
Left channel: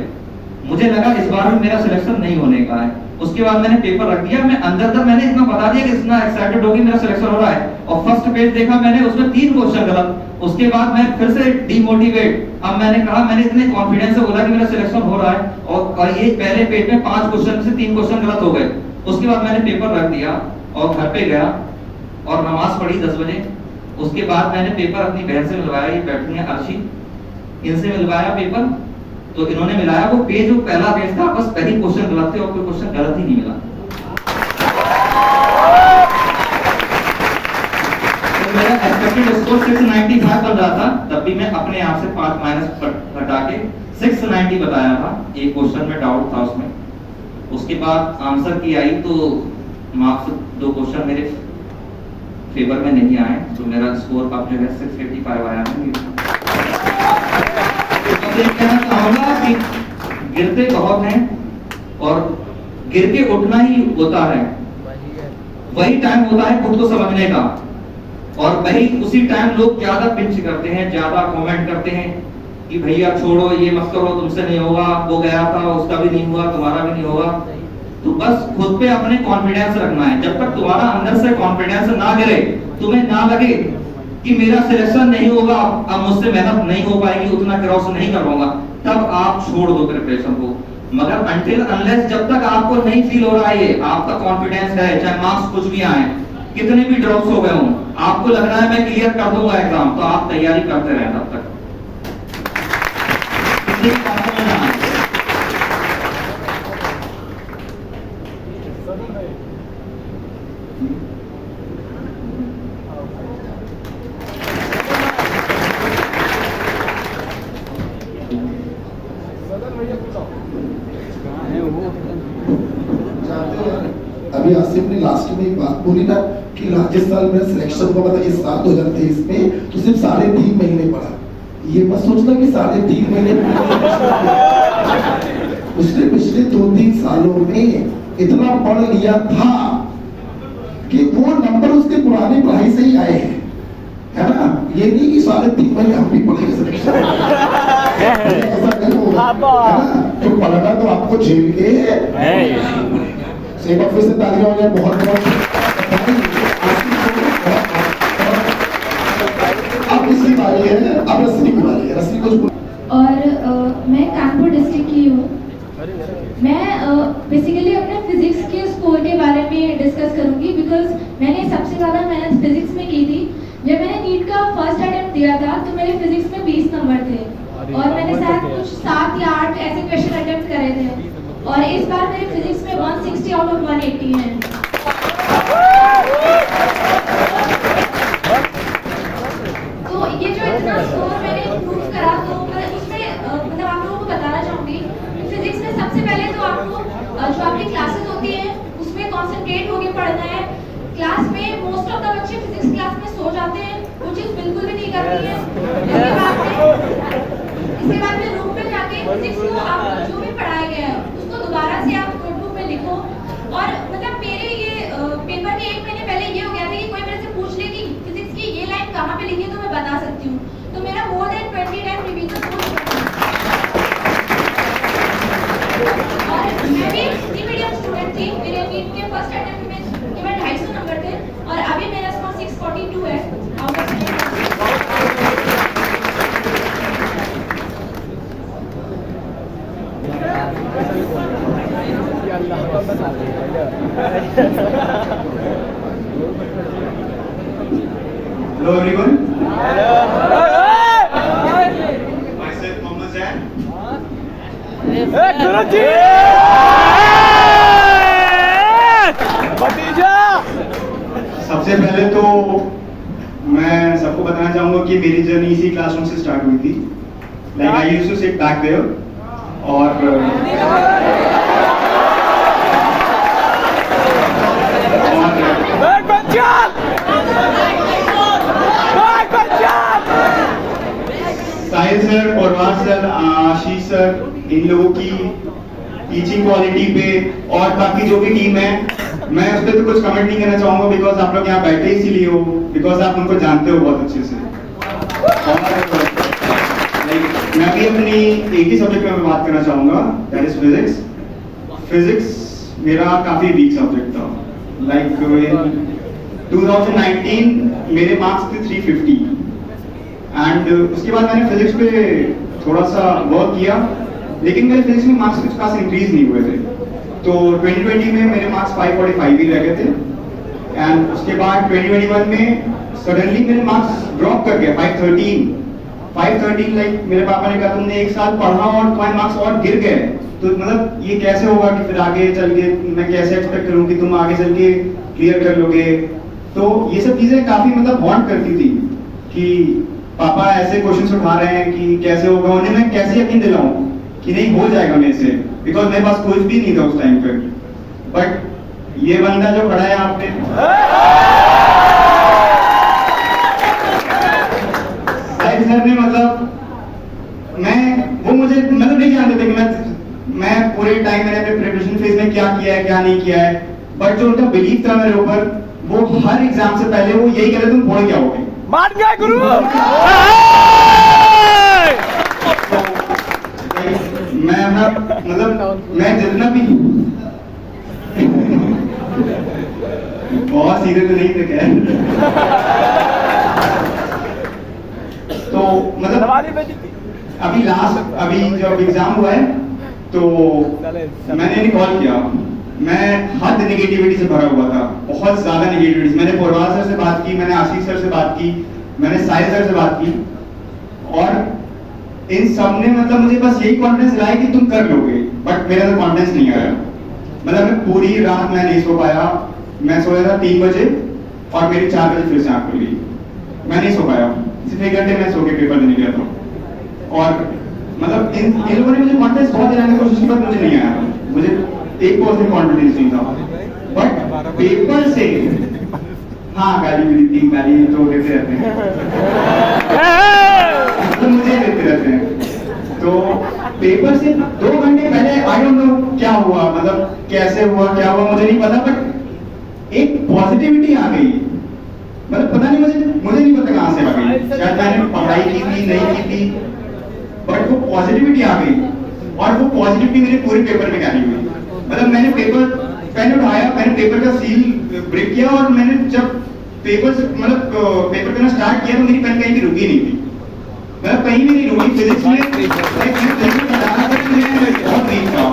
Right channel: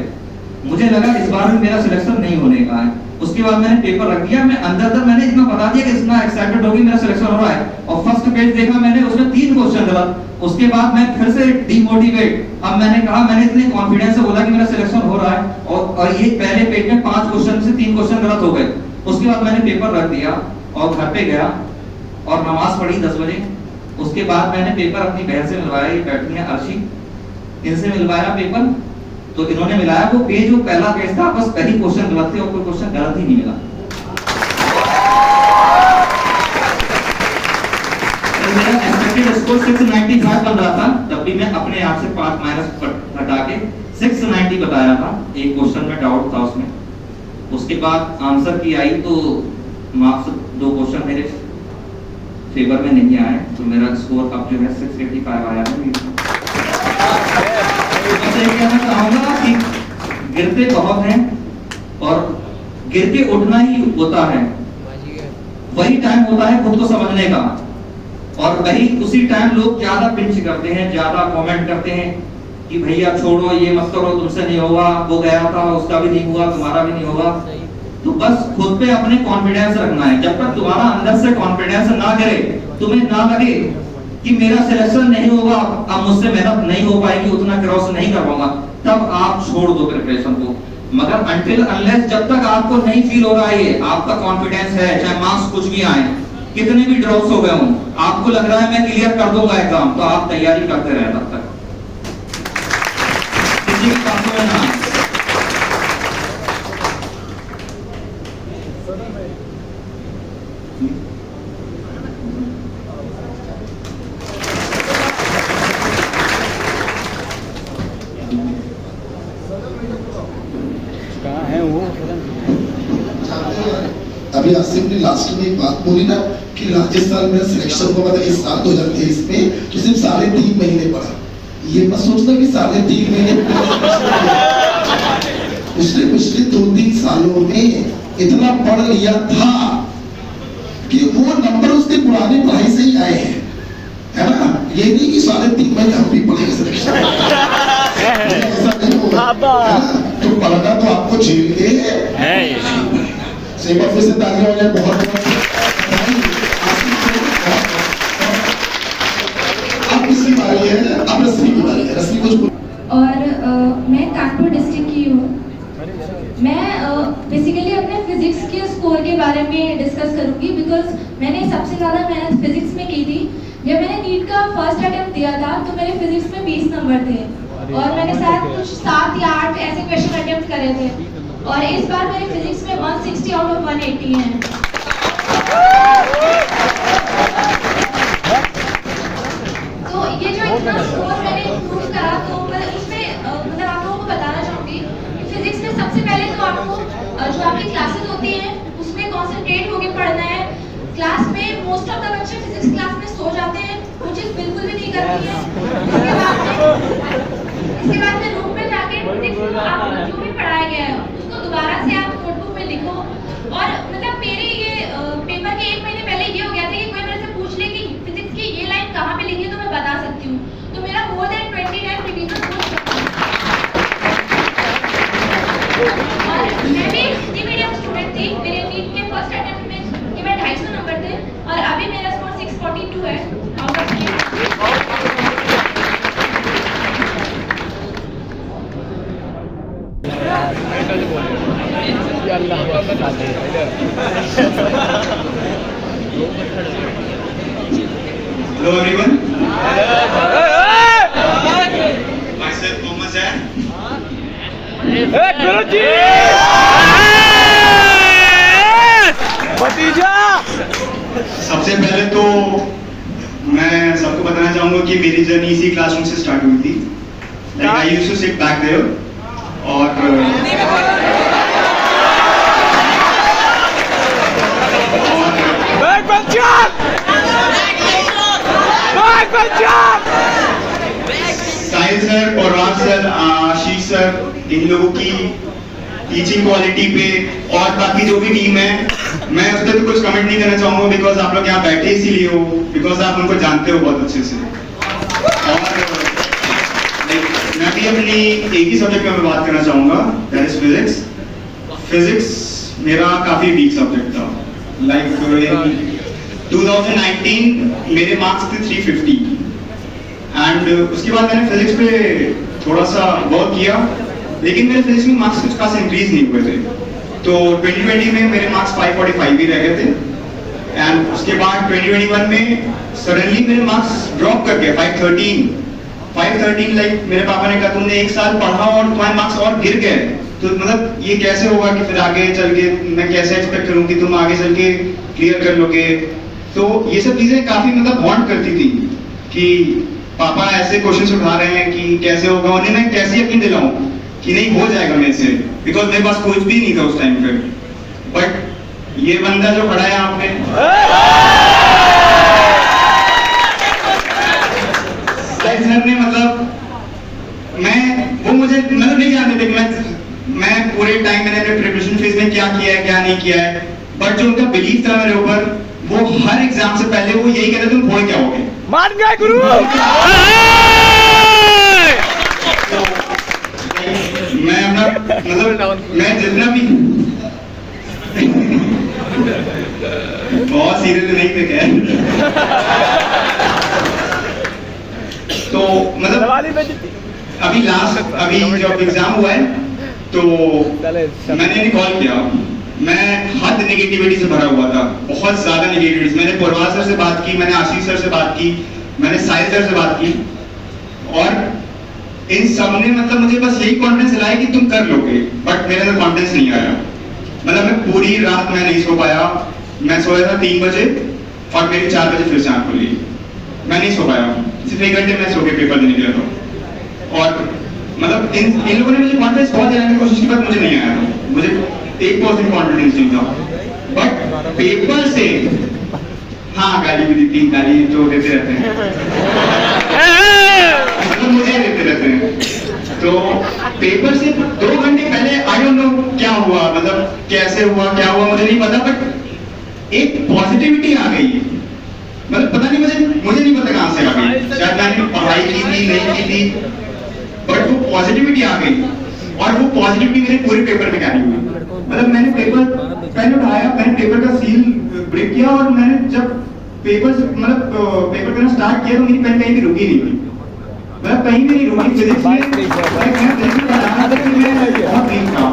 मुझे लगा इस बार में मेरा सिलेक्शन नहीं होने का है। उसके बाद मैंने पेपर रख दिया, मैं अंदर मैंने इतना बता दिया कि इतना एक्साइटेड हो गई मेरा सिलेक्शन हो रहा है, और फर्स्ट पेज देखा मैंने, उसमें 3 क्वेश्चन गलत। उसके बाद मैं फिर से डिमोटिवेट, अब मैंने कहा, मैंने इतने कॉन्फिडेंस से बोला कि मेरा सिलेक्शन हो रहा है, और ये पहले पेज में 5 क्वेश्चन से 3 क्वेश्चन गलत हो गए। उसके बाद मैंने पेपर रख दिया और घर पे गया और नमाज पढ़ी 10 बजे। उसके बाद मैंने पेपर अपनी बहन से मिलवाया, ये बैठी है अर्शी, इनसे मिलवाया पेपर, तो इन्होंने मिलाया वो पेज, जो पहला पेज था, बस पहली क्वेश्चन गलत थे और कोई क्वेश्चन गलत ही नहीं मिला। तो मेरा एक्सपेक्टेड स्कोर 695 बन रहा था, तब भी मैं अपने आप से 5 माइनस घटा के 690 बताया था। एक क्वेश्चन में डाउट था उसमें, उसके बाद आंसर की आई तो मार्क्स 2 क्वेश्चन मेरे फेवर में नहीं आए, तो मेरा स्कोर अब जो है 685 आया है। मैं कहना चाहूंगा कि गिरते बहुत हैं और गिर के उठना ही होता है, वही टाइम होता है खुद को समझने का, और वही उसी टाइम लोग ज्यादा पिंच करते हैं, ज्यादा कमेंट करते हैं कि भैया छोड़ो, ये मत करो, तुमसे नहीं होगा, वो गया था उसका भी नहीं हुआ, तुम्हारा भी नहीं होगा। तो बस खुद पे अपने कॉन्फिडेंस रखना है। जब तक तुम्हारा अंदर से कॉन्फिडेंस ना गिरे, तुम्हें ना लगे कि मेरा सिलेक्शन नहीं होगा, अब मुझसे मेहनत नहीं हो पाएगी, उतना क्रॉस नहीं कर पाऊंगा, तब आप छोड़ दो प्रिपरेशन को। मगर अनटिल अनलेस जब तक आपको नहीं फील हो रहा है, ये आपका कॉन्फिडेंस है, चाहे मार्क्स कुछ भी आए, कितने भी ड्रॉप्स हो गए हों, आपको लग रहा है मैं क्लियर कर दूंगा एग्जाम, तो आप तैयारी करते रहें तब तक, किसी भी बात में ना आए। अभी आसिफ ने लास्ट में एक बात बोली ना कि राजस्थान में सिलेक्शन हुआ था इस साल 2023 में, तो सिर्फ 3.5 महीने पड़ा। ये मत सोचना कि 3.5 महीने उसने पिछले 2-3 सालों में इतना पढ़ लिया था कि वो नंबर उसके पुरानी पढ़ाई से ही आए हैं, है ना। ये नहीं कि 3.5 महीने हम भी पढ़ेंगे सिलेक्शन, ऐसा नहीं होगा, है ना। तो पढ़ना तो आपको झेल के एक बार फिर से तालियां हो जाए, बहुत बहुत। अब किसकी बारी है? अब रश्मि की बारी है। रश्मि कुछ और मैं कानपुर डिस्ट्रिक्ट की हूँ। मैं बेसिकली अपने फिजिक्स के स्कोर के बारे में डिस्कस करूंगी, बिकॉज मैंने सबसे ज़्यादा मेहनत फिजिक्स में की थी। जब मैंने नीट का फर्स्ट अटेम्प्ट दिया था तो मेरे फिजिक्स में 20 नंबर थे, और मैंने शायद कुछ 7 या 8 ऐसे क्वेश्चन अटेम्प्ट करे थे, और इस बार मेरे फिजिक्स में 160 आउट ऑफ 180 हैं। तो ये जो इतना स्कोर मैंने इम्प्रूव करा, तो मैं उसमें मतलब आप लोगों को बताना चाहूँगी कि फिजिक्स में सबसे पहले तो आपको जो आपकी क्लासेस होती हैं उसमें कॉन्सेंट्रेट होकर पढ़ना है। क्लास में मोस्ट ऑफ द बच्चे फिजिक्स क्लास में सो जाते हैं, वो चीज़ बिल्कुल भी नहीं करती है। इसके बाद में रूम में जाके फिजिक्स को आप जो भी पढ़ाया गया है दोबारा से आप नोटबुक में लिखो। और मतलब मेरे ये पेपर के 1 महीने पहले ये हो गया था कि कोई मेरे से पूछ ले कि फिजिक्स की ये लाइन कहाँ पे लिखी है, तो मैं बता सकती हूँ। तो मेरा मोर देन 20 टाइम रिवीजन हो चुका है। और मैं भी हिंदी मीडियम स्टूडेंट थी। मेरे नीट के फर्स्ट अटेम्प्ट में केवल 250 नंबर थे, और अभी मेरा स्कोर 642 है out of 100। Hello everyone. Myself Mohammed Zain. सबसे पहले तो मैं सबको बताना चाहूंगा कि मेरी जर्नी इसी क्लासरूम से स्टार्ट हुई थी। Like I used to sit back there, और साहिल सर और राज सर, आशीष सर, इन लोगों की टीचिंग क्वालिटी पे और बाकी जो भी टीम है, मैं उस पर तो कुछ कमेंट नहीं करना चाहूंगा, बिकॉज आप लोग यहाँ बैठे इसीलिए हो, बिकॉज आप उनको जानते हो बहुत अच्छे से। और मैं भी अपनी एक ही सब्जेक्ट में बात करना चाहूंगा, दैट इज फिजिक्स। फिजिक्स मेरा काफी वीक सब्जेक्ट था। लाइक 2019 मेरे मार्क्स थे 350, एंड उसके बाद मैंने फिजिक्स पे थोड़ा सा वर्क किया, लेकिन मेरे फिजिक्स में मार्क्स कुछ खास इंक्रीज नहीं हुए थे। तो 2020 में मेरे मार्क्स 545 ही रह गए थे, एंड उसके बाद 2021 में सडनली मेरे मार्क्स ड्रॉप कर गए 513, 530 लाइक मेरे पापा ने कहा तुमने एक साल पढ़ा और तुम्हारे मार्क्स और गिर गए, तो मतलब ये कैसे होगा कि फिर आगे चल के मैं कैसे एक्सपेक्ट करूं कि तुम आगे चल के क्लियर कर लोगे। तो ये सब चीजें काफी मतलब हॉन्ट करती थी कि पापा ऐसे क्वेश्चंस उठा रहे हैं कि कैसे होगा, उन्हें मैं कैसे यकीन दिलाऊं कि नहीं हो जाएगा मेरे से, बिकॉज मेरे पास कुछ भी नहीं था उस टाइम पे। बट ये बंदा जो खड़ा है यहाँ पे, साहिल सर ने मतलब वो मुझे मतलब नहीं जानते थे कि मैं पूरे टाइम मैंने अपने प्रिपरेशन फेज में क्या किया है क्या नहीं किया है, बट जो उनका बिलीफ था मेरे ऊपर, वो हर एग्जाम से पहले वो यही कहते तुम हो क्या होगे, मान गए गुरु। मैं अपना मतलब मैं जितना भी बहुत सीरियस नहीं थे क्या तो मतलब अभी जब एग्जाम हुआ है तो मैंने नहीं कॉल किया, मैं हद नेगेटिविटी से भरा हुआ था, बहुत ज्यादा नेगेटिविटी। मैंने पोरवाल सर से बात की, मैंने आशीष सर से बात की, मैंने साहिल सर से बात की, और इन सब ने मतलब मुझे बस यही कॉन्फिडेंस दिलाया कि तुम कर लोगे, बट मेरे अंदर कॉन्फिडेंस नहीं आया। मतलब मैं पूरी रात मैं नहीं सो पाया, मैं सोया था 3 बजे और मेरी 4 बजे फिर से आँख खुली, मैं नहीं सो पाया, सिर्फ 1 घंटे मैं सो के पेपर देने गया था। और मतलब इन लोगों ने मुझे कॉन्फिडेंस बहुत देने की कोशिश की, पर मुझे नहीं आया, मुझे 1% कॉन्फिडेंस नहीं था। बट पेपर से हाँ गाली भी दी 3 गाली जो देते रहते हैं मतलब मुझे देते रहते हैं। तो पेपर से 2 घंटे पहले आई डोंट नो क्या हुआ, मतलब कैसे हुआ क्या हुआ मुझे नहीं पता, बट एक पॉजिटिविटी आ गई, मतलब पता नहीं मुझे नहीं पता कहां से आ गई, शायद मैंने पढ़ाई की थी नहीं की थी, बट वो पॉजिटिविटी आ गई, और वो पॉजिटिविटी मेरे पूरे पेपर में कैरी हुई। मतलब मैंने पेन उठाया, मैंने पेपर का सील ब्रेक किया, और मैंने जब पेपर करना स्टार्ट किया तो मेरी पेन कहीं भी रुकी नहीं हुई, मतलब कहीं भी नहीं रुकी। फिजिक्स में बहुत वीक था,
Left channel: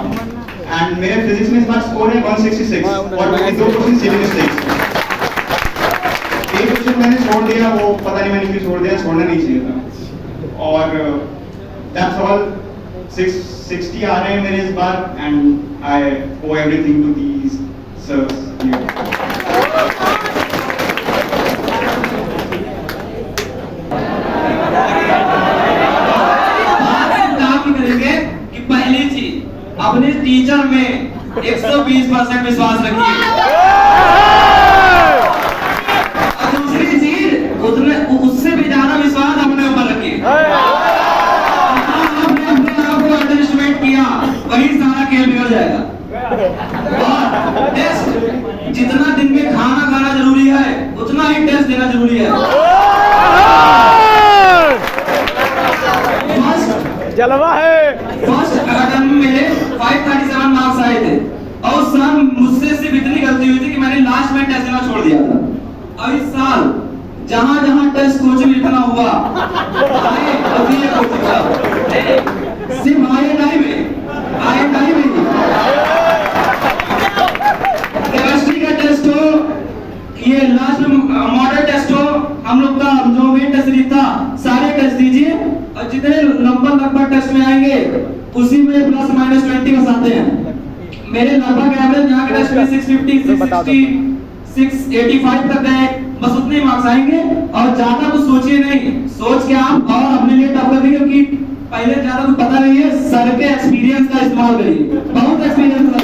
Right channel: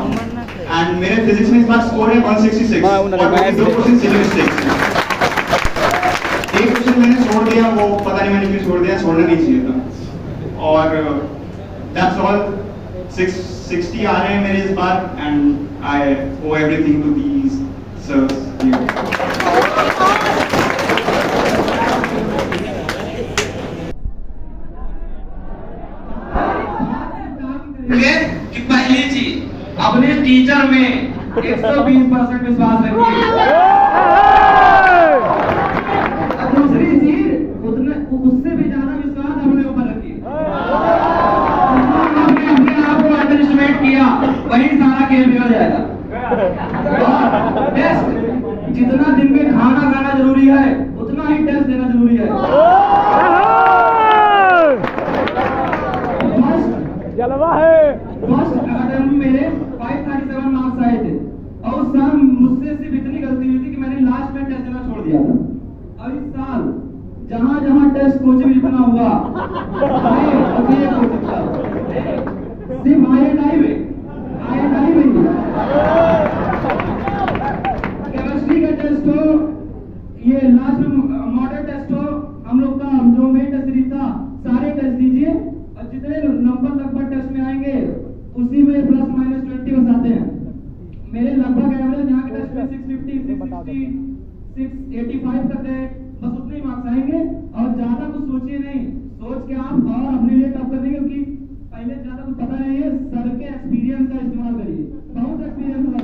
एंड मेरे फिजिक्स में इस बार स्कोर है 166 और 2% सिली मिस्टेक्स। एक क्वेश्चन मैंने छोड़ दिया, वो पता नहीं मैंने क्यों छोड़ दिया, छोड़ना नहीं चाहिए था, और दैट्स ऑल। 660 आ रहे हैं मेरे इस बार, and I owe everything to these sirs. कि पहली चीज अपने टीचर में 120% विश्वास रखिए, और दूसरी चीज उससे भी ज्यादा विश्वास अपने ऊपर रखिए। आपने अपने आप को अंडरएस्टिमेट किया, वही सारा खेल बिगड़ जाएगा। और टेस्ट जितना दिन में खाना खाना जरूरी है, उतना ही टेस्ट देना जरूरी है। जलवा है। फर्स्ट अटेम्प्ट में मेरे 537 मार्क्स आए थे, और उस साल मुझसे सिर्फ इतनी गलती हुई थी कि मैंने लास्ट में टेस्ट देना छोड़ दिया था। और इस साल जहां जहां टेस्ट कोचिंग लिखना हुआ सिर्फ IIT में केमिस्ट्री का टेस्ट हो, ये लास्ट में मॉडल टेस्ट हो, हम लोग का जो मेन टेस्ट था सारे टेस्ट दीजिए, और जितने नंबर लगभग टेस्ट में आएंगे उसी में प्लस माइनस 20 बस आते हैं। मेरे लगभग एवरेज यहाँ के टेस्ट में 650, 660, 685 तक गए, बस उतने मार्क्स आएंगे। और ज्यादा कुछ सोचिए नहीं, सोच के आप और अपने लिए टफ कर देंगे, क्योंकि पहले ज्यादा कुछ पता नहीं है, सर के एक्सपीरियंस का इस्तेमाल करिए, बहुत एक्सपीरियंस है।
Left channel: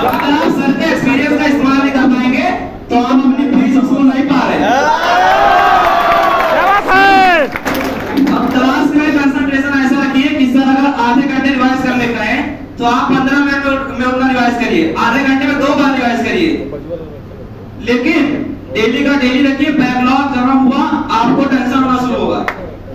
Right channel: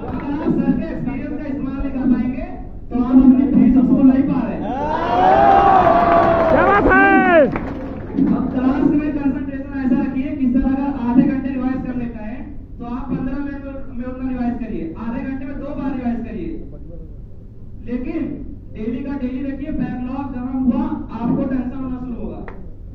अगर आप सर के एक्सपीरियंस का इस्तेमाल नहीं कर पाएंगे तो आप अपनी फिजिक्स को नहीं पा रहे। अब क्लास में कंसंट्रेशन ऐसा रखिए कि सर अगर आधे घंटे रिवाइज करने का है तो आप 15 मिनट में उतना रिवाइज करिए, आधे घंटे में 2 बार रिवाइज करिए। लेकिन डेली का डेली रखिए, बैकलॉग जमा हुआ आपको टेंशन होना शुरू होगा।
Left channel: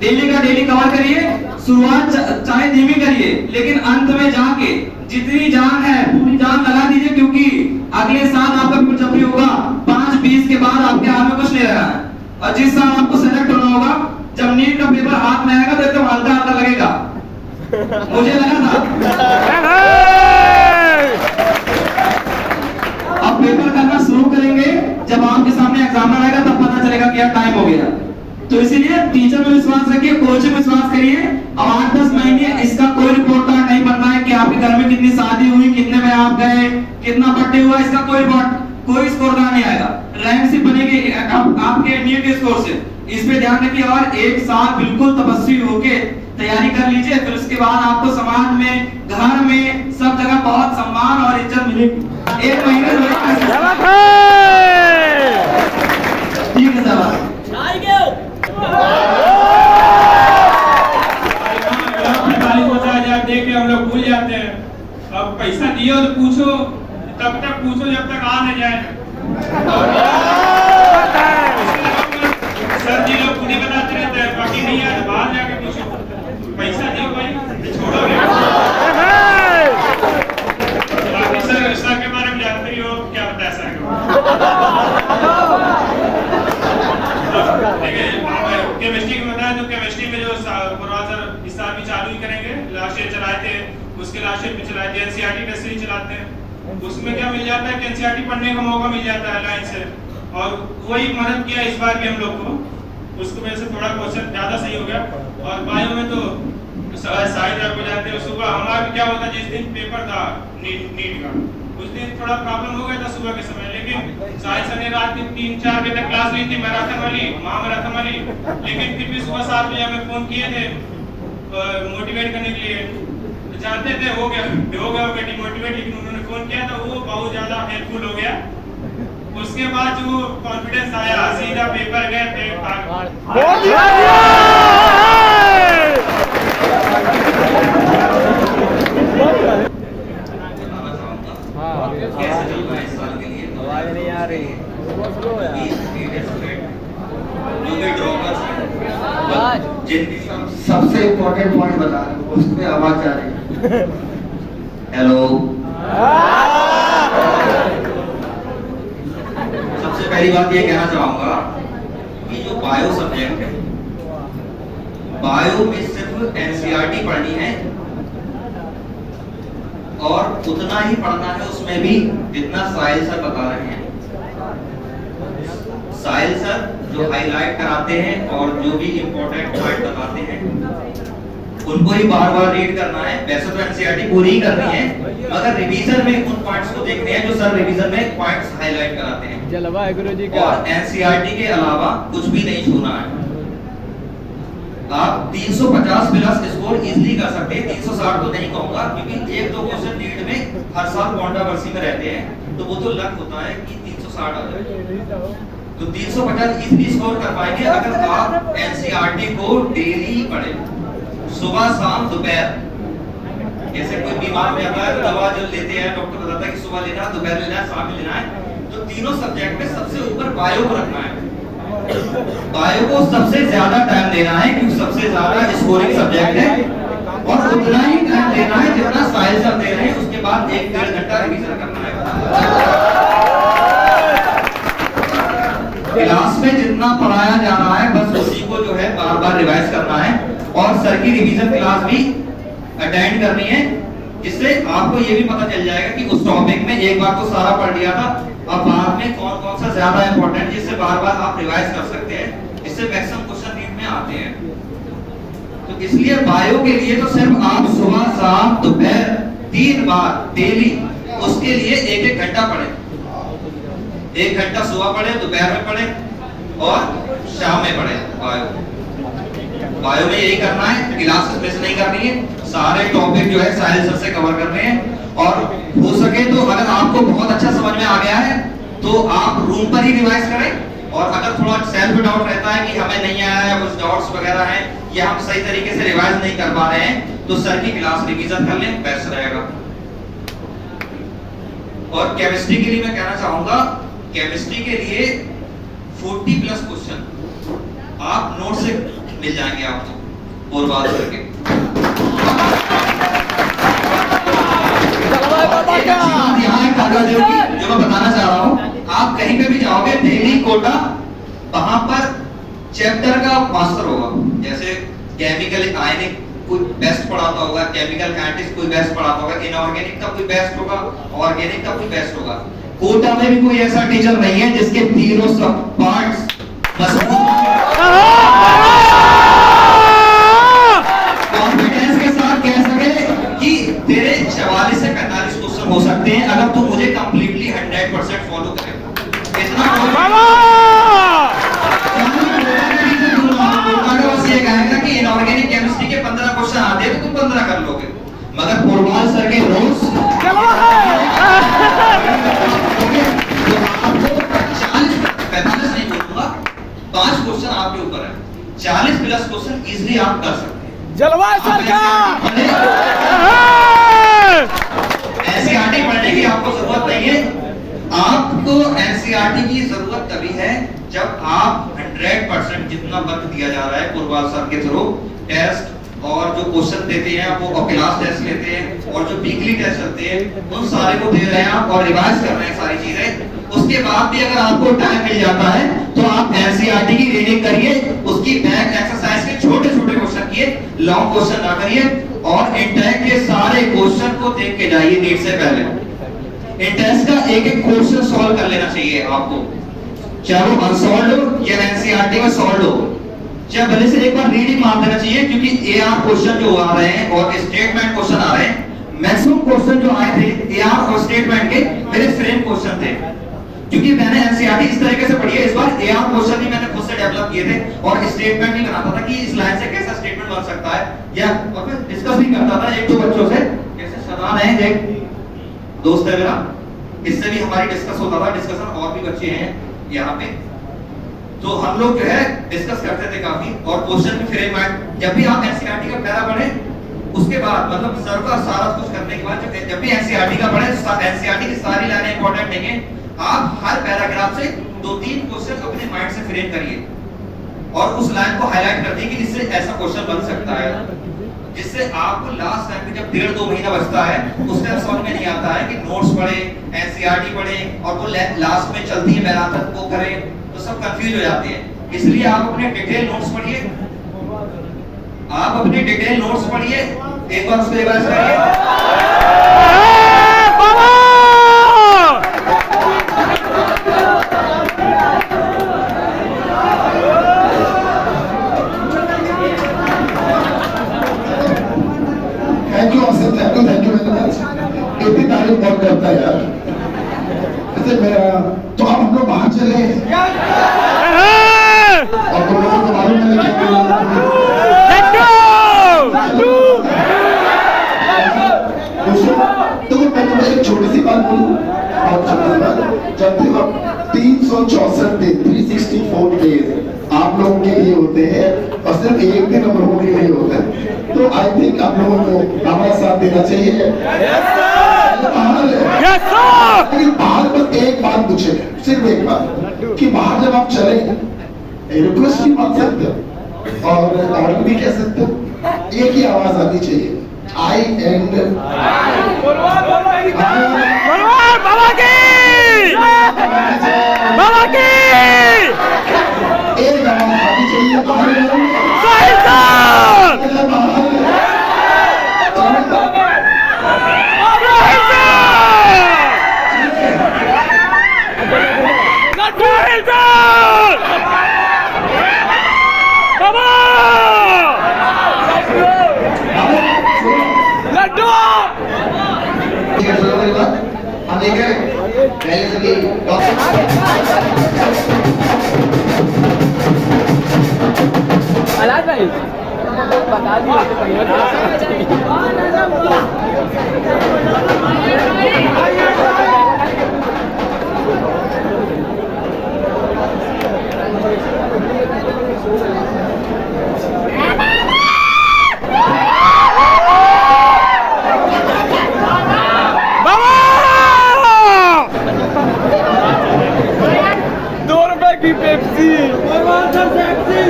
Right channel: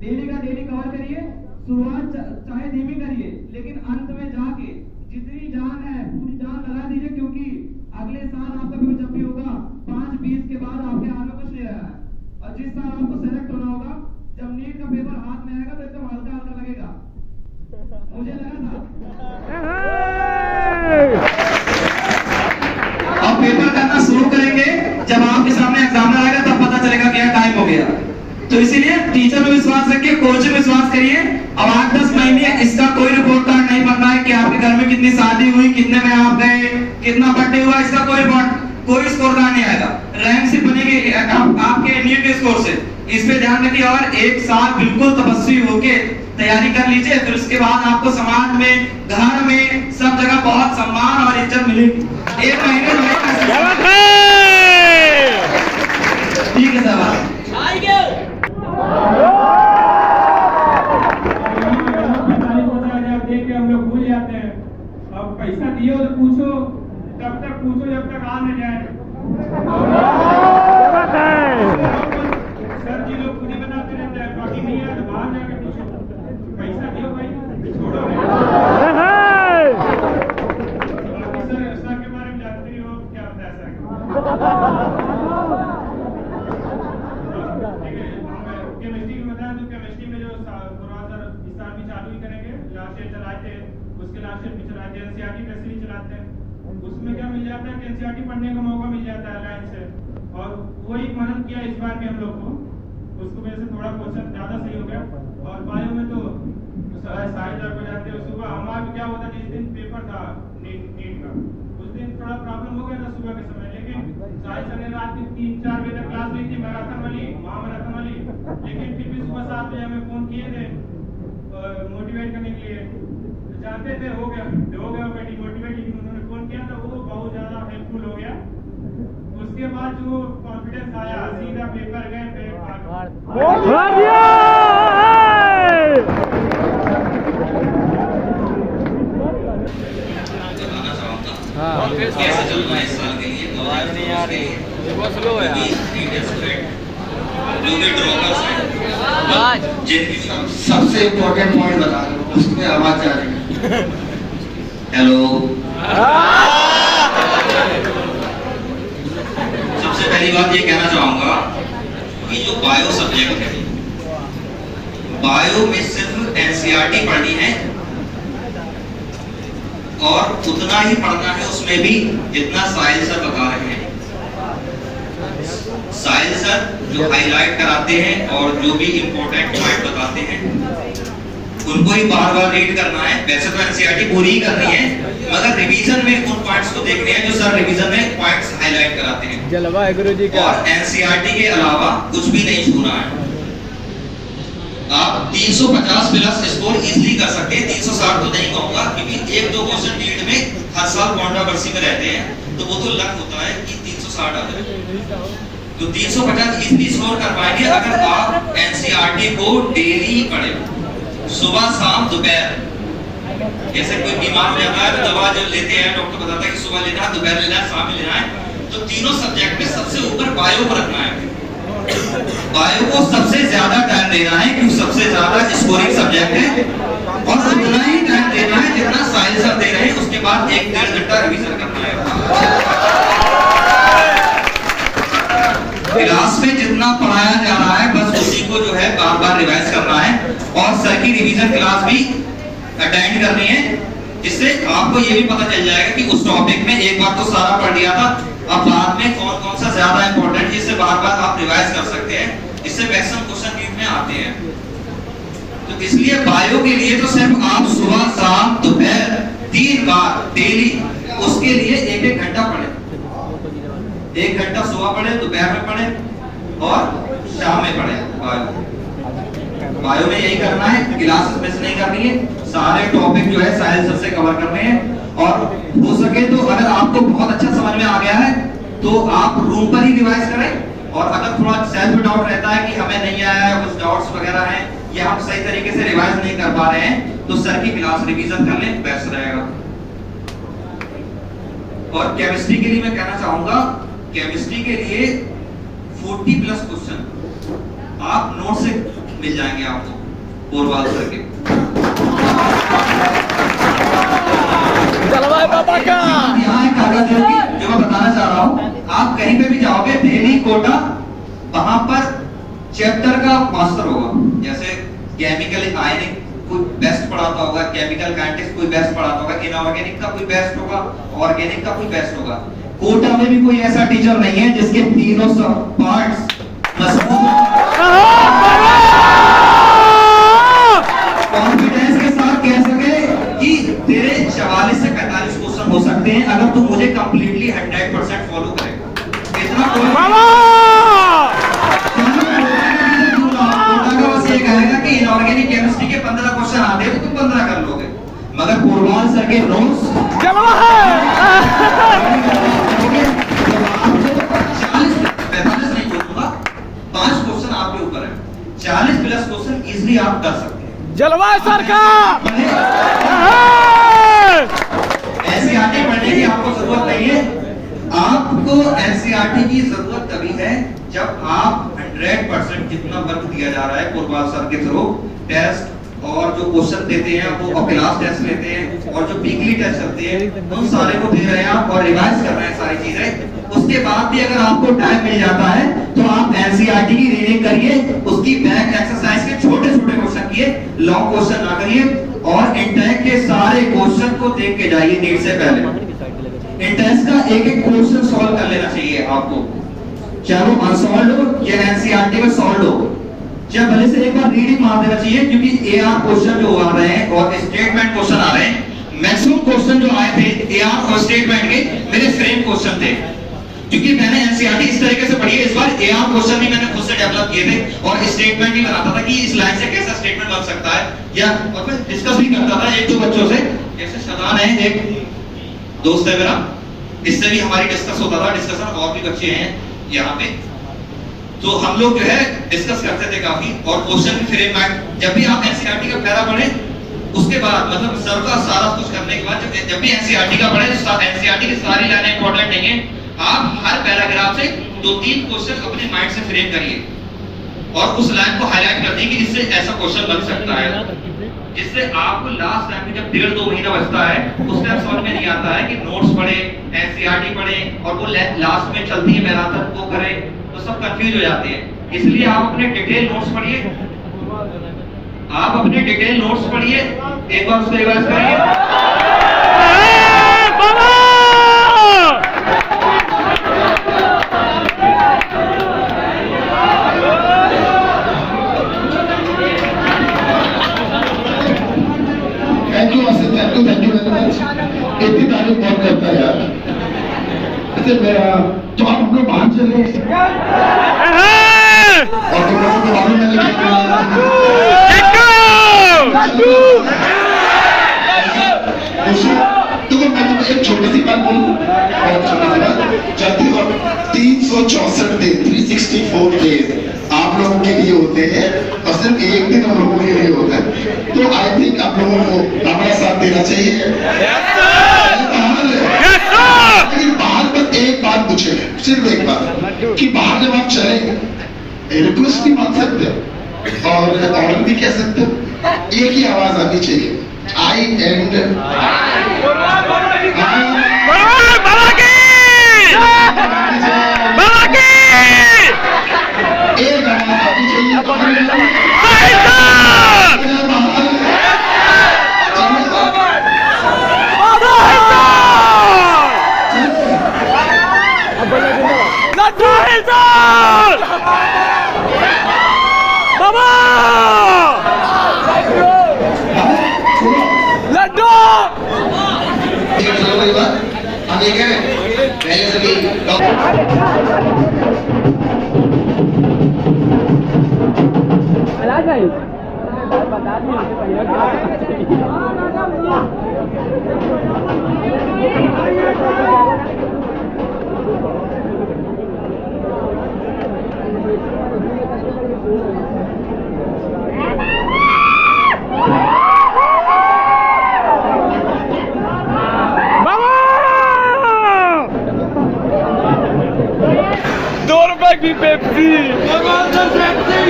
डेली का डेली कवर करिए, शुरुआत चाहे धीमी करिए, लेकिन अंत में जाके जितनी जान है पूरी जान लगा दीजिए, क्योंकि अगले साल आपका पेपर जब भी होगा 5-20 के बाद आपके हाथ में कुछ नहीं रहा है। और जिस साल आपको सेलेक्ट होना होगा, जब नीट का पेपर हाथ में आएगा तो एकदम हल्का हल्का लगेगा, मुझे लगा था। अब पेपर करना शुरू करेंगे, जब आपके सामने एग्जामिनर आएगा तब पता चलेगा कि यार टाइम हो गया। तो इसीलिए टीचर में विश्वास रखिए, कोच में विश्वास करिए। अब 8-10 महीने इसका कोई रिपोर्ट कार्ड नहीं बनना है कि आपके घर में कितनी शादी हुई, कितने में आप गए, कितना बर्थडे हुआ, इसका कोई रिपोर्ट, कोई स्कोर कार्ड नहीं आएगा। रैंक सिर्फ बनेगी आपके नीट के स्कोर से। इस पे ध्यान रखिए और एक साल बिल्कुल तपस्वी होके तैयारी कर लीजिए, फिर उसके बाद आपको समाज में, घर में, सब जगह बहुत सम्मान और इज्जत मिलेगी। 1 महीने में ठीक है सर। देख के हम लोग भूल जाते हैं। अब पैसा दियो तो पूछो, तब तक पूछो जब तक आ न जाए। सर जी लोग खुद ही बताते रहते हैं, बाकी नहीं आए तो बाहर जाके पूछो। पैसा दियो भाई, छोड़ोगे। बाकी सर के बारे में जानते ही हो, क्या बता सर। केमिस्ट्री में बताया तो केमिस्ट्री में जो सर इस साल भी चालू ही करेंगे, लास्ट ईयर चलाए थे, उसके लास्ट ईयर भी चलाए थे, एनसीईआरटी टेस्ट सीरीज चलाते हैं। उसमें क्या मिल जाता है कि एनसीईआरटी पढ़ने का मौका मिल जाता है लाइन से, और वही मदद किया इस बार भी हम लोग को। उसकी वजह से थोड़ा क्वेश्चन ज्यादा सही हो गया। और बायो में तो साइंस को जाते हैं, सुबह हमारा क्या होता जिस दिन पेपर था नीट का, उस दिन थोड़ा प्रॉब्लम हो गया था सुबह के समय, लेकिन साइंस ने रात के 3-4 बजे तक क्लास ली थी मैराथन वाली, महामैराथन वाली, लेकिन फिर भी सुबह 7 बजे हमें फोन किए थे मोटिवेट करने के लिए। जानते थे हो गया डिमोटिवेट, लेकिन उन्होंने फोन किया था, वो बहुत ज्यादा हेल्पफुल हो गया। उसके बाद जो कॉन्फिडेंस आया, सीधा पेपर गए थे। कैसे चलना है इस साल के लिए, 2024 के लिए, जो भी ड्रॉपर्स हैं, जिनकी सबसे इम्पोर्टेंट पॉइंट बता रहा हूँ, उसमें आवाज जा रही है। हेलो, सबसे पहली बात ये कहना चाहूंगा कि जो बायो सब्जेक्ट है, बायो में सिर्फ एनसीईआरटी पढ़नी है और उतना ही पढ़ना है उसमें भी जितना साहिल सर बता रहे हैं। साहिल सर जो हाईलाइट कराते हैं और जो भी इंपॉर्टेंट पॉइंट बताते हैं उनको ही बार-बार रीड करना है। वैसे तो एनसीईआरटी पूरी ही करनी है, मगर रिवीजन में उन पॉइंट्स को देखने हैं जो सर रिवीजन में पॉइंट्स हाईलाइट कराते हैं। जलवा है गुरुजी का। और एनसीईआरटी के अलावा कुछ भी नहीं छूना है। आप 350 प्लस स्कोर इजीली कर सकते हैं, 360 तो नहीं कहूंगा, क्योंकि 1-2 क्वेश्चन नीट में हर साल कंट्रोवर्सी में रहते हैं, तो वो तो लक होता है कि 360 आ जाए। तो 350 इजीली स्कोर कर पाएंगे अगर आप एनसीईआरटी को डेली पढ़ें, सुबह शाम दोपहर। जैसे कोई बीमार हो जाता है तो दवा जब लेते हैं, डॉक्टर बताता है कि सुबह लेना है, दोपहर लेना है, शाम में लेना है। तो तीनों सब्जेक्ट में सबसे ऊपर बायो को रखना है। बायो को सबसे ज्यादा टाइम देना है क्योंकि सबसे ज्यादा स्कोरिंग सब्जेक्ट है, और उतना ही टाइम देना है जितना साहिल सर दे रहे हैं। उसके बाद 1-1.5 घंटा रिवीजन करना है। क्लास में जितना पढ़ाया जा रहा है बस उसी को जो है बार-बार रिवाइज करना है, और सर की रिवीजन क्लास भी अटेंड करनी है। इससे आपको ये भी पता चल जाएगा कि उस टॉपिक में एक बार तो सारा पढ़ लिया था, अब बाद में कौन कौन सा ज्यादा इंपॉर्टेंट है, जिससे बार-बार आप रिवाइज कर सकते हैं। इससे मैक्सिमम क्वेश्चन नीट में आते हैं। तो इसलिए बायो के लिए तो सिर्फ आप सुबह शाम दोपहर 3 बार डेली उसके लिए 1-1 घंटा पढ़ें। 1 घंटा सुबह पढ़ें, दोपहर में पढ़ें और शाम में पढ़ें। बायो में यही करना है, क्लासेस मिस नहीं करनी है, सारे टॉपिक जो है साहिल सर से कवर करने हैं। और हो सके तो अगर आपको बहुत अच्छा समझ में आ गया है तो आप रूम पर ही रिवाइज करें, और अगर थोड़ा सेल्फ डाउट रहता है कि हमें नहीं आया है, कुछ डाउट्स वगैरह हैं या हम सही तरीके से रिवाइज नहीं कर पा रहे हैं, तो सर की क्लास रिवीजन कर लें, बेस्ट रहेगा। और केमिस्ट्री के लिए मैं कहना चाहूंगा, केमिस्ट्री के लिए 40 प्लस क्वेश्चन आप नोट से मिल जाएंगे आपको बोरवाल सर के। जो मैं बताना चाह रहा हूँ, आप कहीं पे भी जाओगे दिल्ली कोटा, वहां पर चैप्टर का मास्टर होगा। जैसे केमिकल आयनिक कोई बेस्ट पढ़ाता होगा, केमिकल काइनेटिक्स कोई बेस्ट पढ़ाता होगा, इनऑर्गेनिक का कोई बेस्ट होगा, ऑर्गेनिक का कोई बेस्ट होगा। कोटा में भी कोई ऐसा टीचर नहीं है जिसके तीनों सब पार्ट्स मजबूत कॉन्फिडेंस के साथ कह सके कि तेरे 44 से 45 क्वेश्चन हो सकते हैं अगर तू मुझे कंप्लीटली 100% फॉलो करेगा। इतना अगर बस ये कहेगा कि इनऑर्गेनिक केमिस्ट्री के 15 क्वेश्चन आते हैं तो तुम 15 कर लोगे, मगर पोरवाल सर के नोट्स 45 नहीं बोलूंगा, 5 क्वेश्चन आपके ऊपर है, 40 प्लस क्वेश्चन इजीली आप कर सकते हैं। जलवा सरकार एनसीईआरटी पढ़ने की आपको जरूरत नहीं है। आपको एनसीईआरटी की जरूरत तभी है जब आप 100% जितना वर्क दिया जा रहा है पोरवाल सर के थ्रू टेस्ट और जो क्वेश्चन देते हैं वो क्लास टेस्ट लेते हैं और जो वीकली टेस्ट चलते हैं उन सारे को दे रहे हैं आप और रिवाइज कर रहे हैं सारी चीजें। उसके बाद भी अगर आपको टाइम मिल जाता है तो आप एनसीईआरटी की रीडिंग करिए, उसकी बैक एक्सरसाइज के छोटे छोटे क्वेश्चन किए, लॉन्ग क्वेश्चन ना करिए और इंटेक के सारे क्वेश्चन को देख के जाइए नीट से पहले। इंटेस्ट का एक एक क्वेश्चन सॉल्व कर लेना चाहिए आपको, चाहे वो अनसॉल्व हो या एनसीईआरटी में सॉल्व हो, चाहे भले से एक बार रीडिंग मार देना चाहिए क्योंकि एआर क्वेश्चन जो आ रहे हैं और स्टेटमेंट क्वेश्चन आ रहे हैं, मैक्सिमम क्वेश्चन जो आए थे एआर और स्टेटमेंट के मेरे फ्रेम क्वेश्चन थे क्योंकि मैंने एनसीईआरटी इस तरीके से पढ़ी है। इस बार एआर क्वेश्चन भी मैंने खुद से डेवलप किए थे और स्टेटमेंट भी बनाता था कि इस लाइन से कैसा स्टेटमेंट बन सकता है या और मैं डिस्कस भी करता था एक दो बच्चों से, जैसे शदान है एक दोस्त है मेरा, इससे भी हमारी डिस्कस होता था, डिस्कशन और भी बच्चे हैं यहाँ पे, तो हम लोग जो है डिस्कस करते थे काफी और क्वेश्चन भी फ्रेम में जब भी आप एनसीईआरटी का पैरा पढ़े उसके बाद मतलब सर का सारा कुछ करने के बाद जब भी एनसीईआरटी का पढ़े तो एनसीईआरटी की सारी लाइनें इंपॉर्टेंट नहीं है, आप हर पैराग्राफ से 2-3 क्वेश्चन अपने माइंड से फ्रेम करिए और उस लाइन को हाईलाइट कर दीजिए कि जिससे ऐसा क्वेश्चन बन सकता है, जिससे आपको लास्ट टाइम में जब 1.5-2 महीना बचता है उस टाइम समझ में नहीं आता है कि नोट्स पढ़े, एनसीईआरटी पढ़े और वो लास्ट में चलती है मैदान तक वो करें तो सब कंफ्यूज हो जाते हैं। इसलिए आप अपने डिटेल नोट्स पढ़िए, आप अपने डिटेल नोट्स पढ़िए, एक बार उसको रिवाइज करिए। Thank you Asif, thank you very much. इतनी तारीफ बहुत करता है यार। अच्छा मेरा तो आप हम लोग बाहर चले और तुम लोगों को मालूम है देखो मैं तुम्हें एक छोटी सी बात बोलूं, बहुत छोटी सी बात, जल्दी और 364 दिन 364 डेज आप लोगों के लिए होते हैं और सिर्फ एक दिन हम लोगों के लिए होता है, तो आई थिंक आप लोगों को हमारा साथ देना चाहिए। लेकिन बाहर पर एक बात पूछे, सिर्फ एक बात कि बाहर जब आप चले रिक्वेस्ट भी मान सकते हो और ऑर्डर भी कह सकते हो, एक ही आवाज आनी चाहिए, आई एंड एक आवाज आनी चाहिए हम ये कह रहे हैं पहले से भी बता दिए ₹2 की पेप्सी,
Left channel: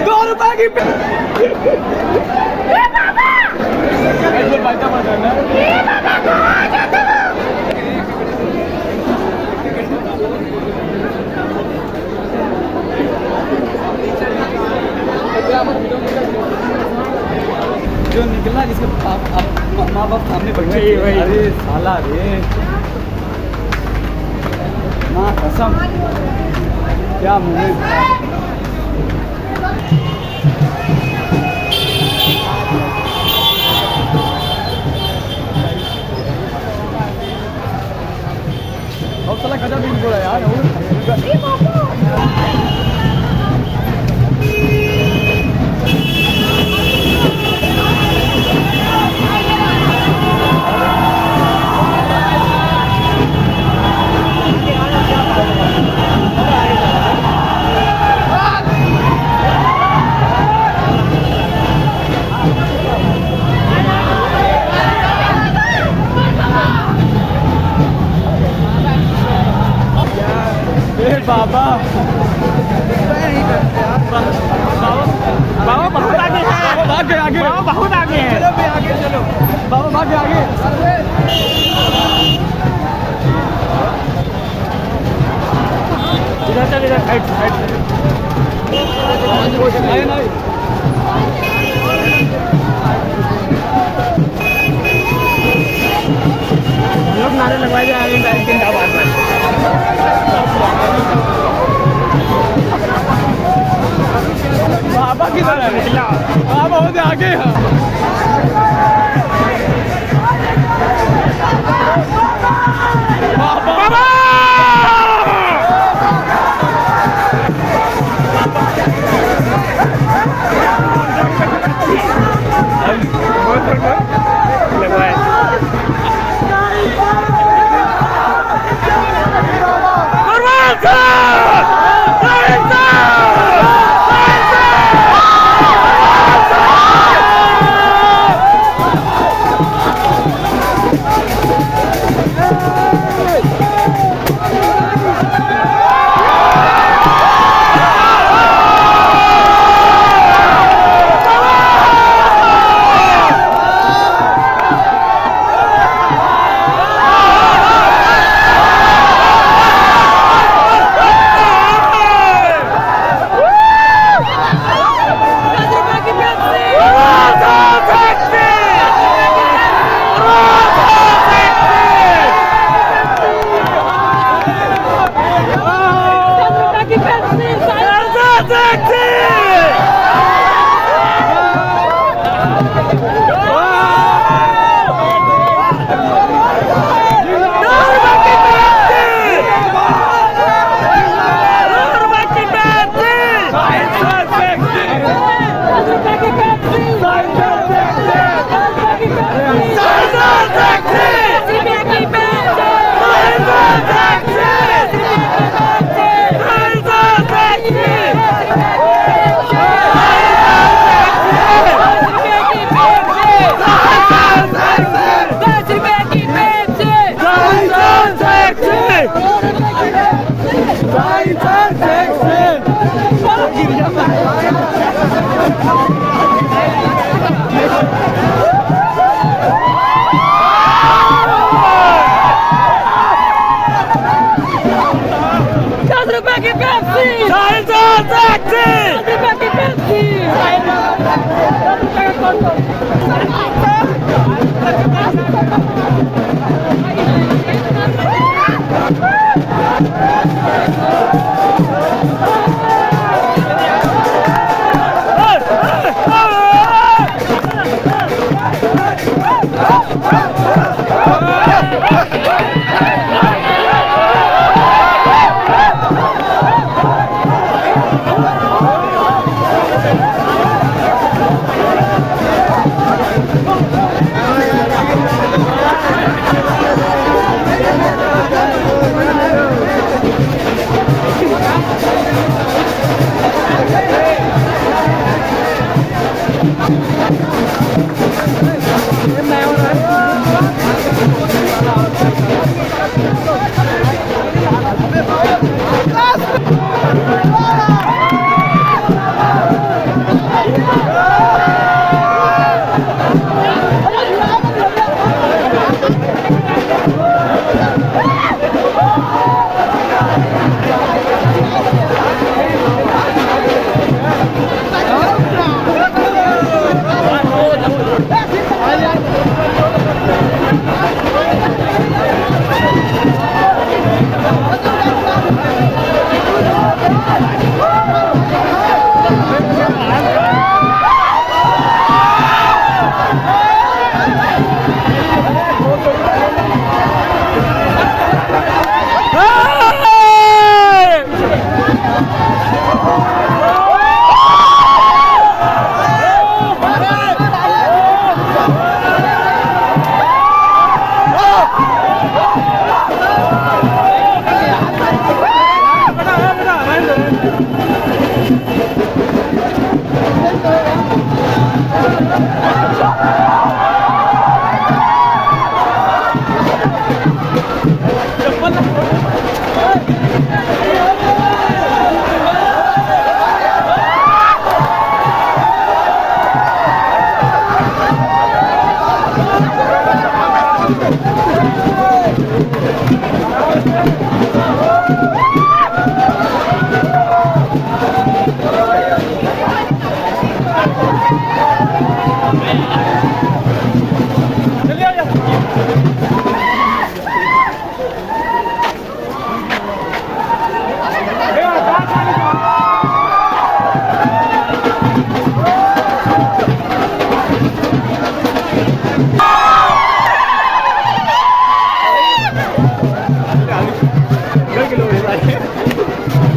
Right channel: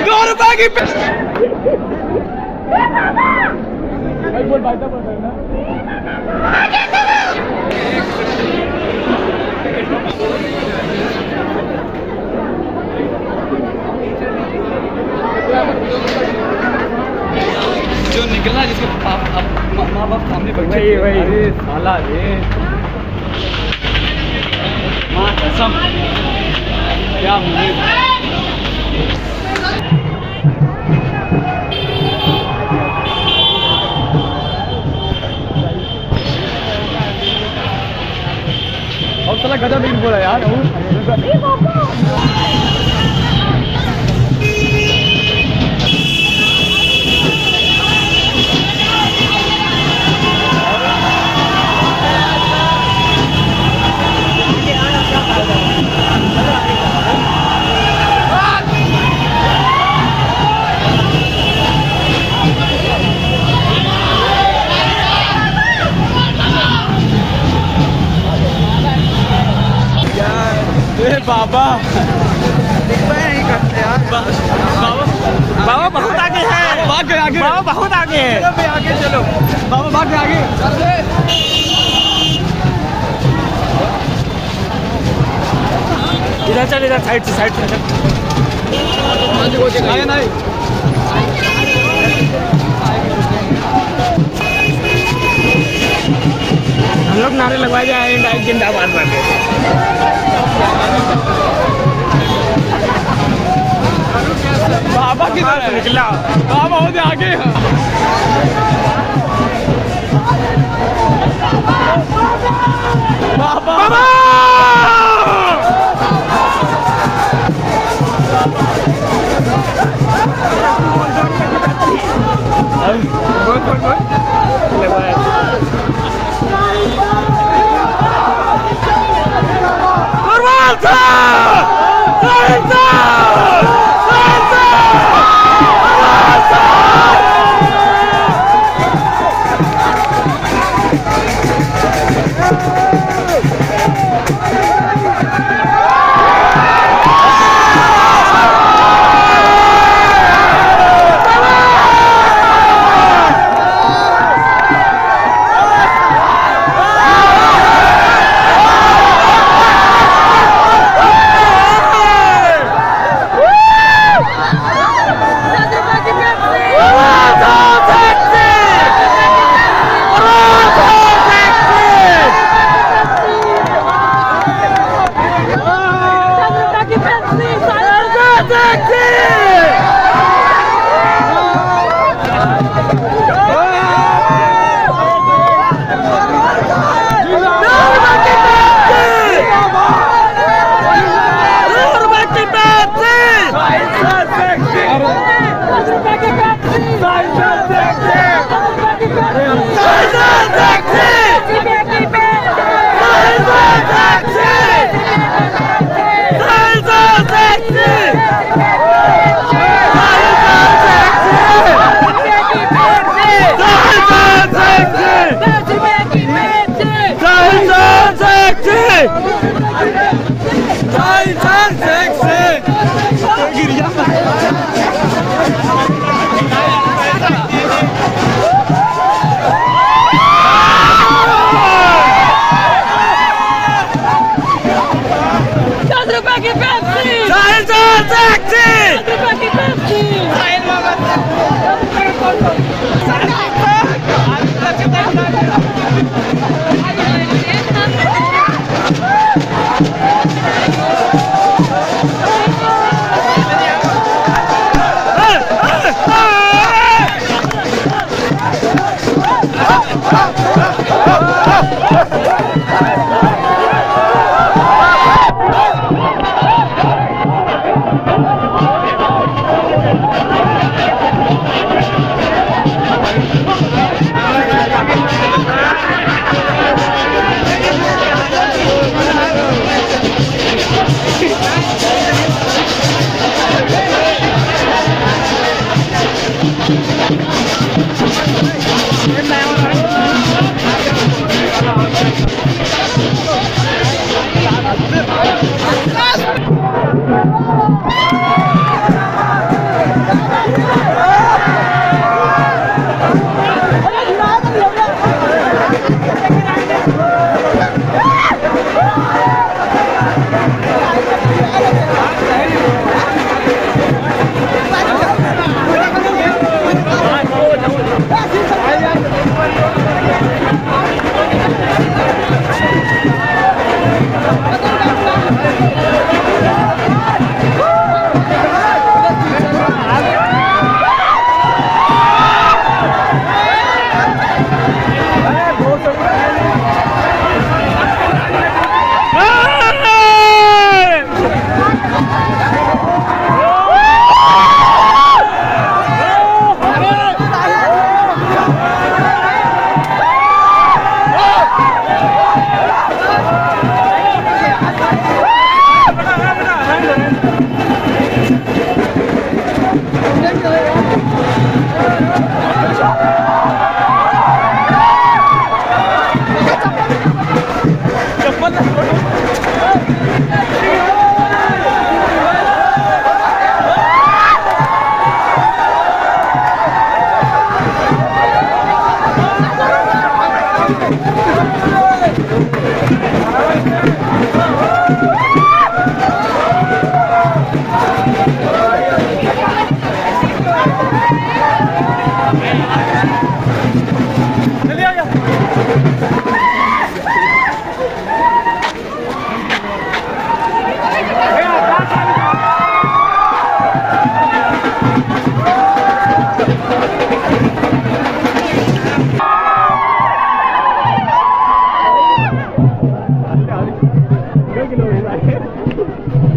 ₹2 की पेप्सी। जो निकला जिसको माँ बाप सामने वही साला रे माँ कसम क्या मुझे बाबा नहीं करते यार। बाबा बहुत आगे है, भाग गए आगे, बहुत आगे है। चलो भाई आगे चलो, बाबा भाग गए आगे। इधर चल, इधर साइड से नहीं लोग नारे लगवाए जाए जिंदाबाद में। बाबा किधर है? बाबा होते आगे हैं। बाबा लगवाए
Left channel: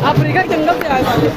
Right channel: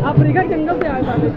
अफ्रीका जंगल से आए साले।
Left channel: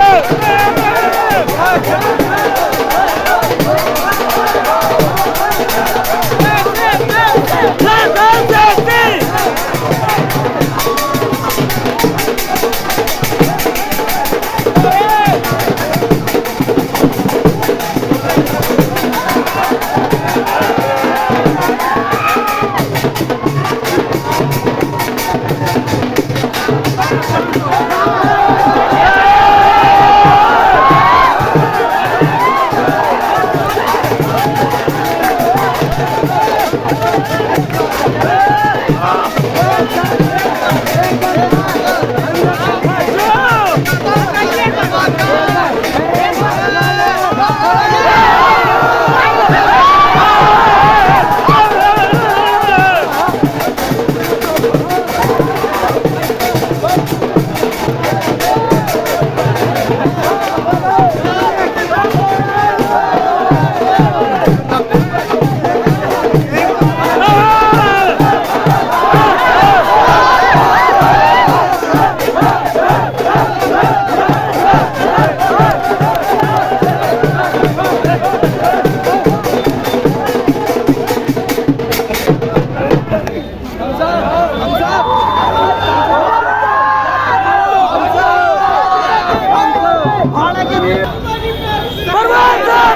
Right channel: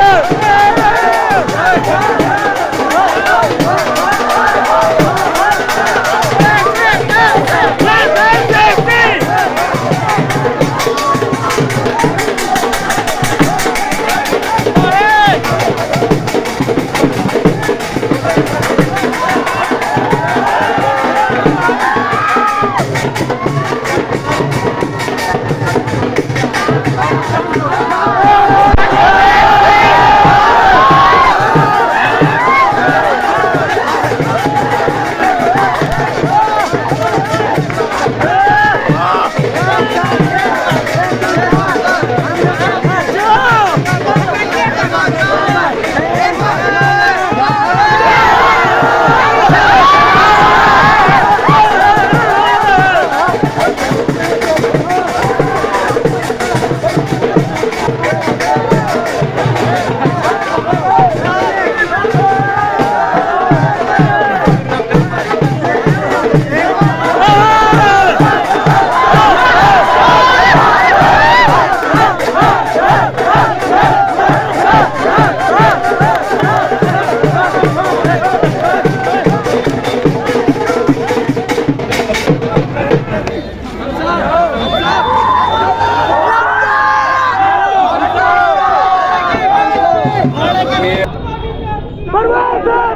Hey!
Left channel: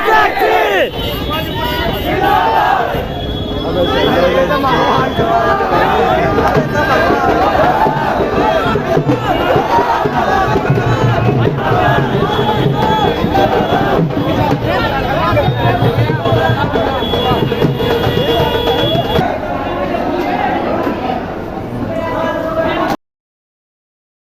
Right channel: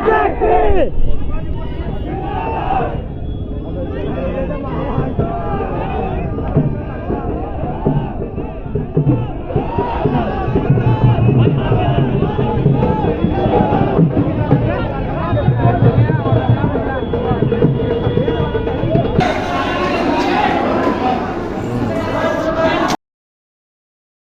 टैक्सी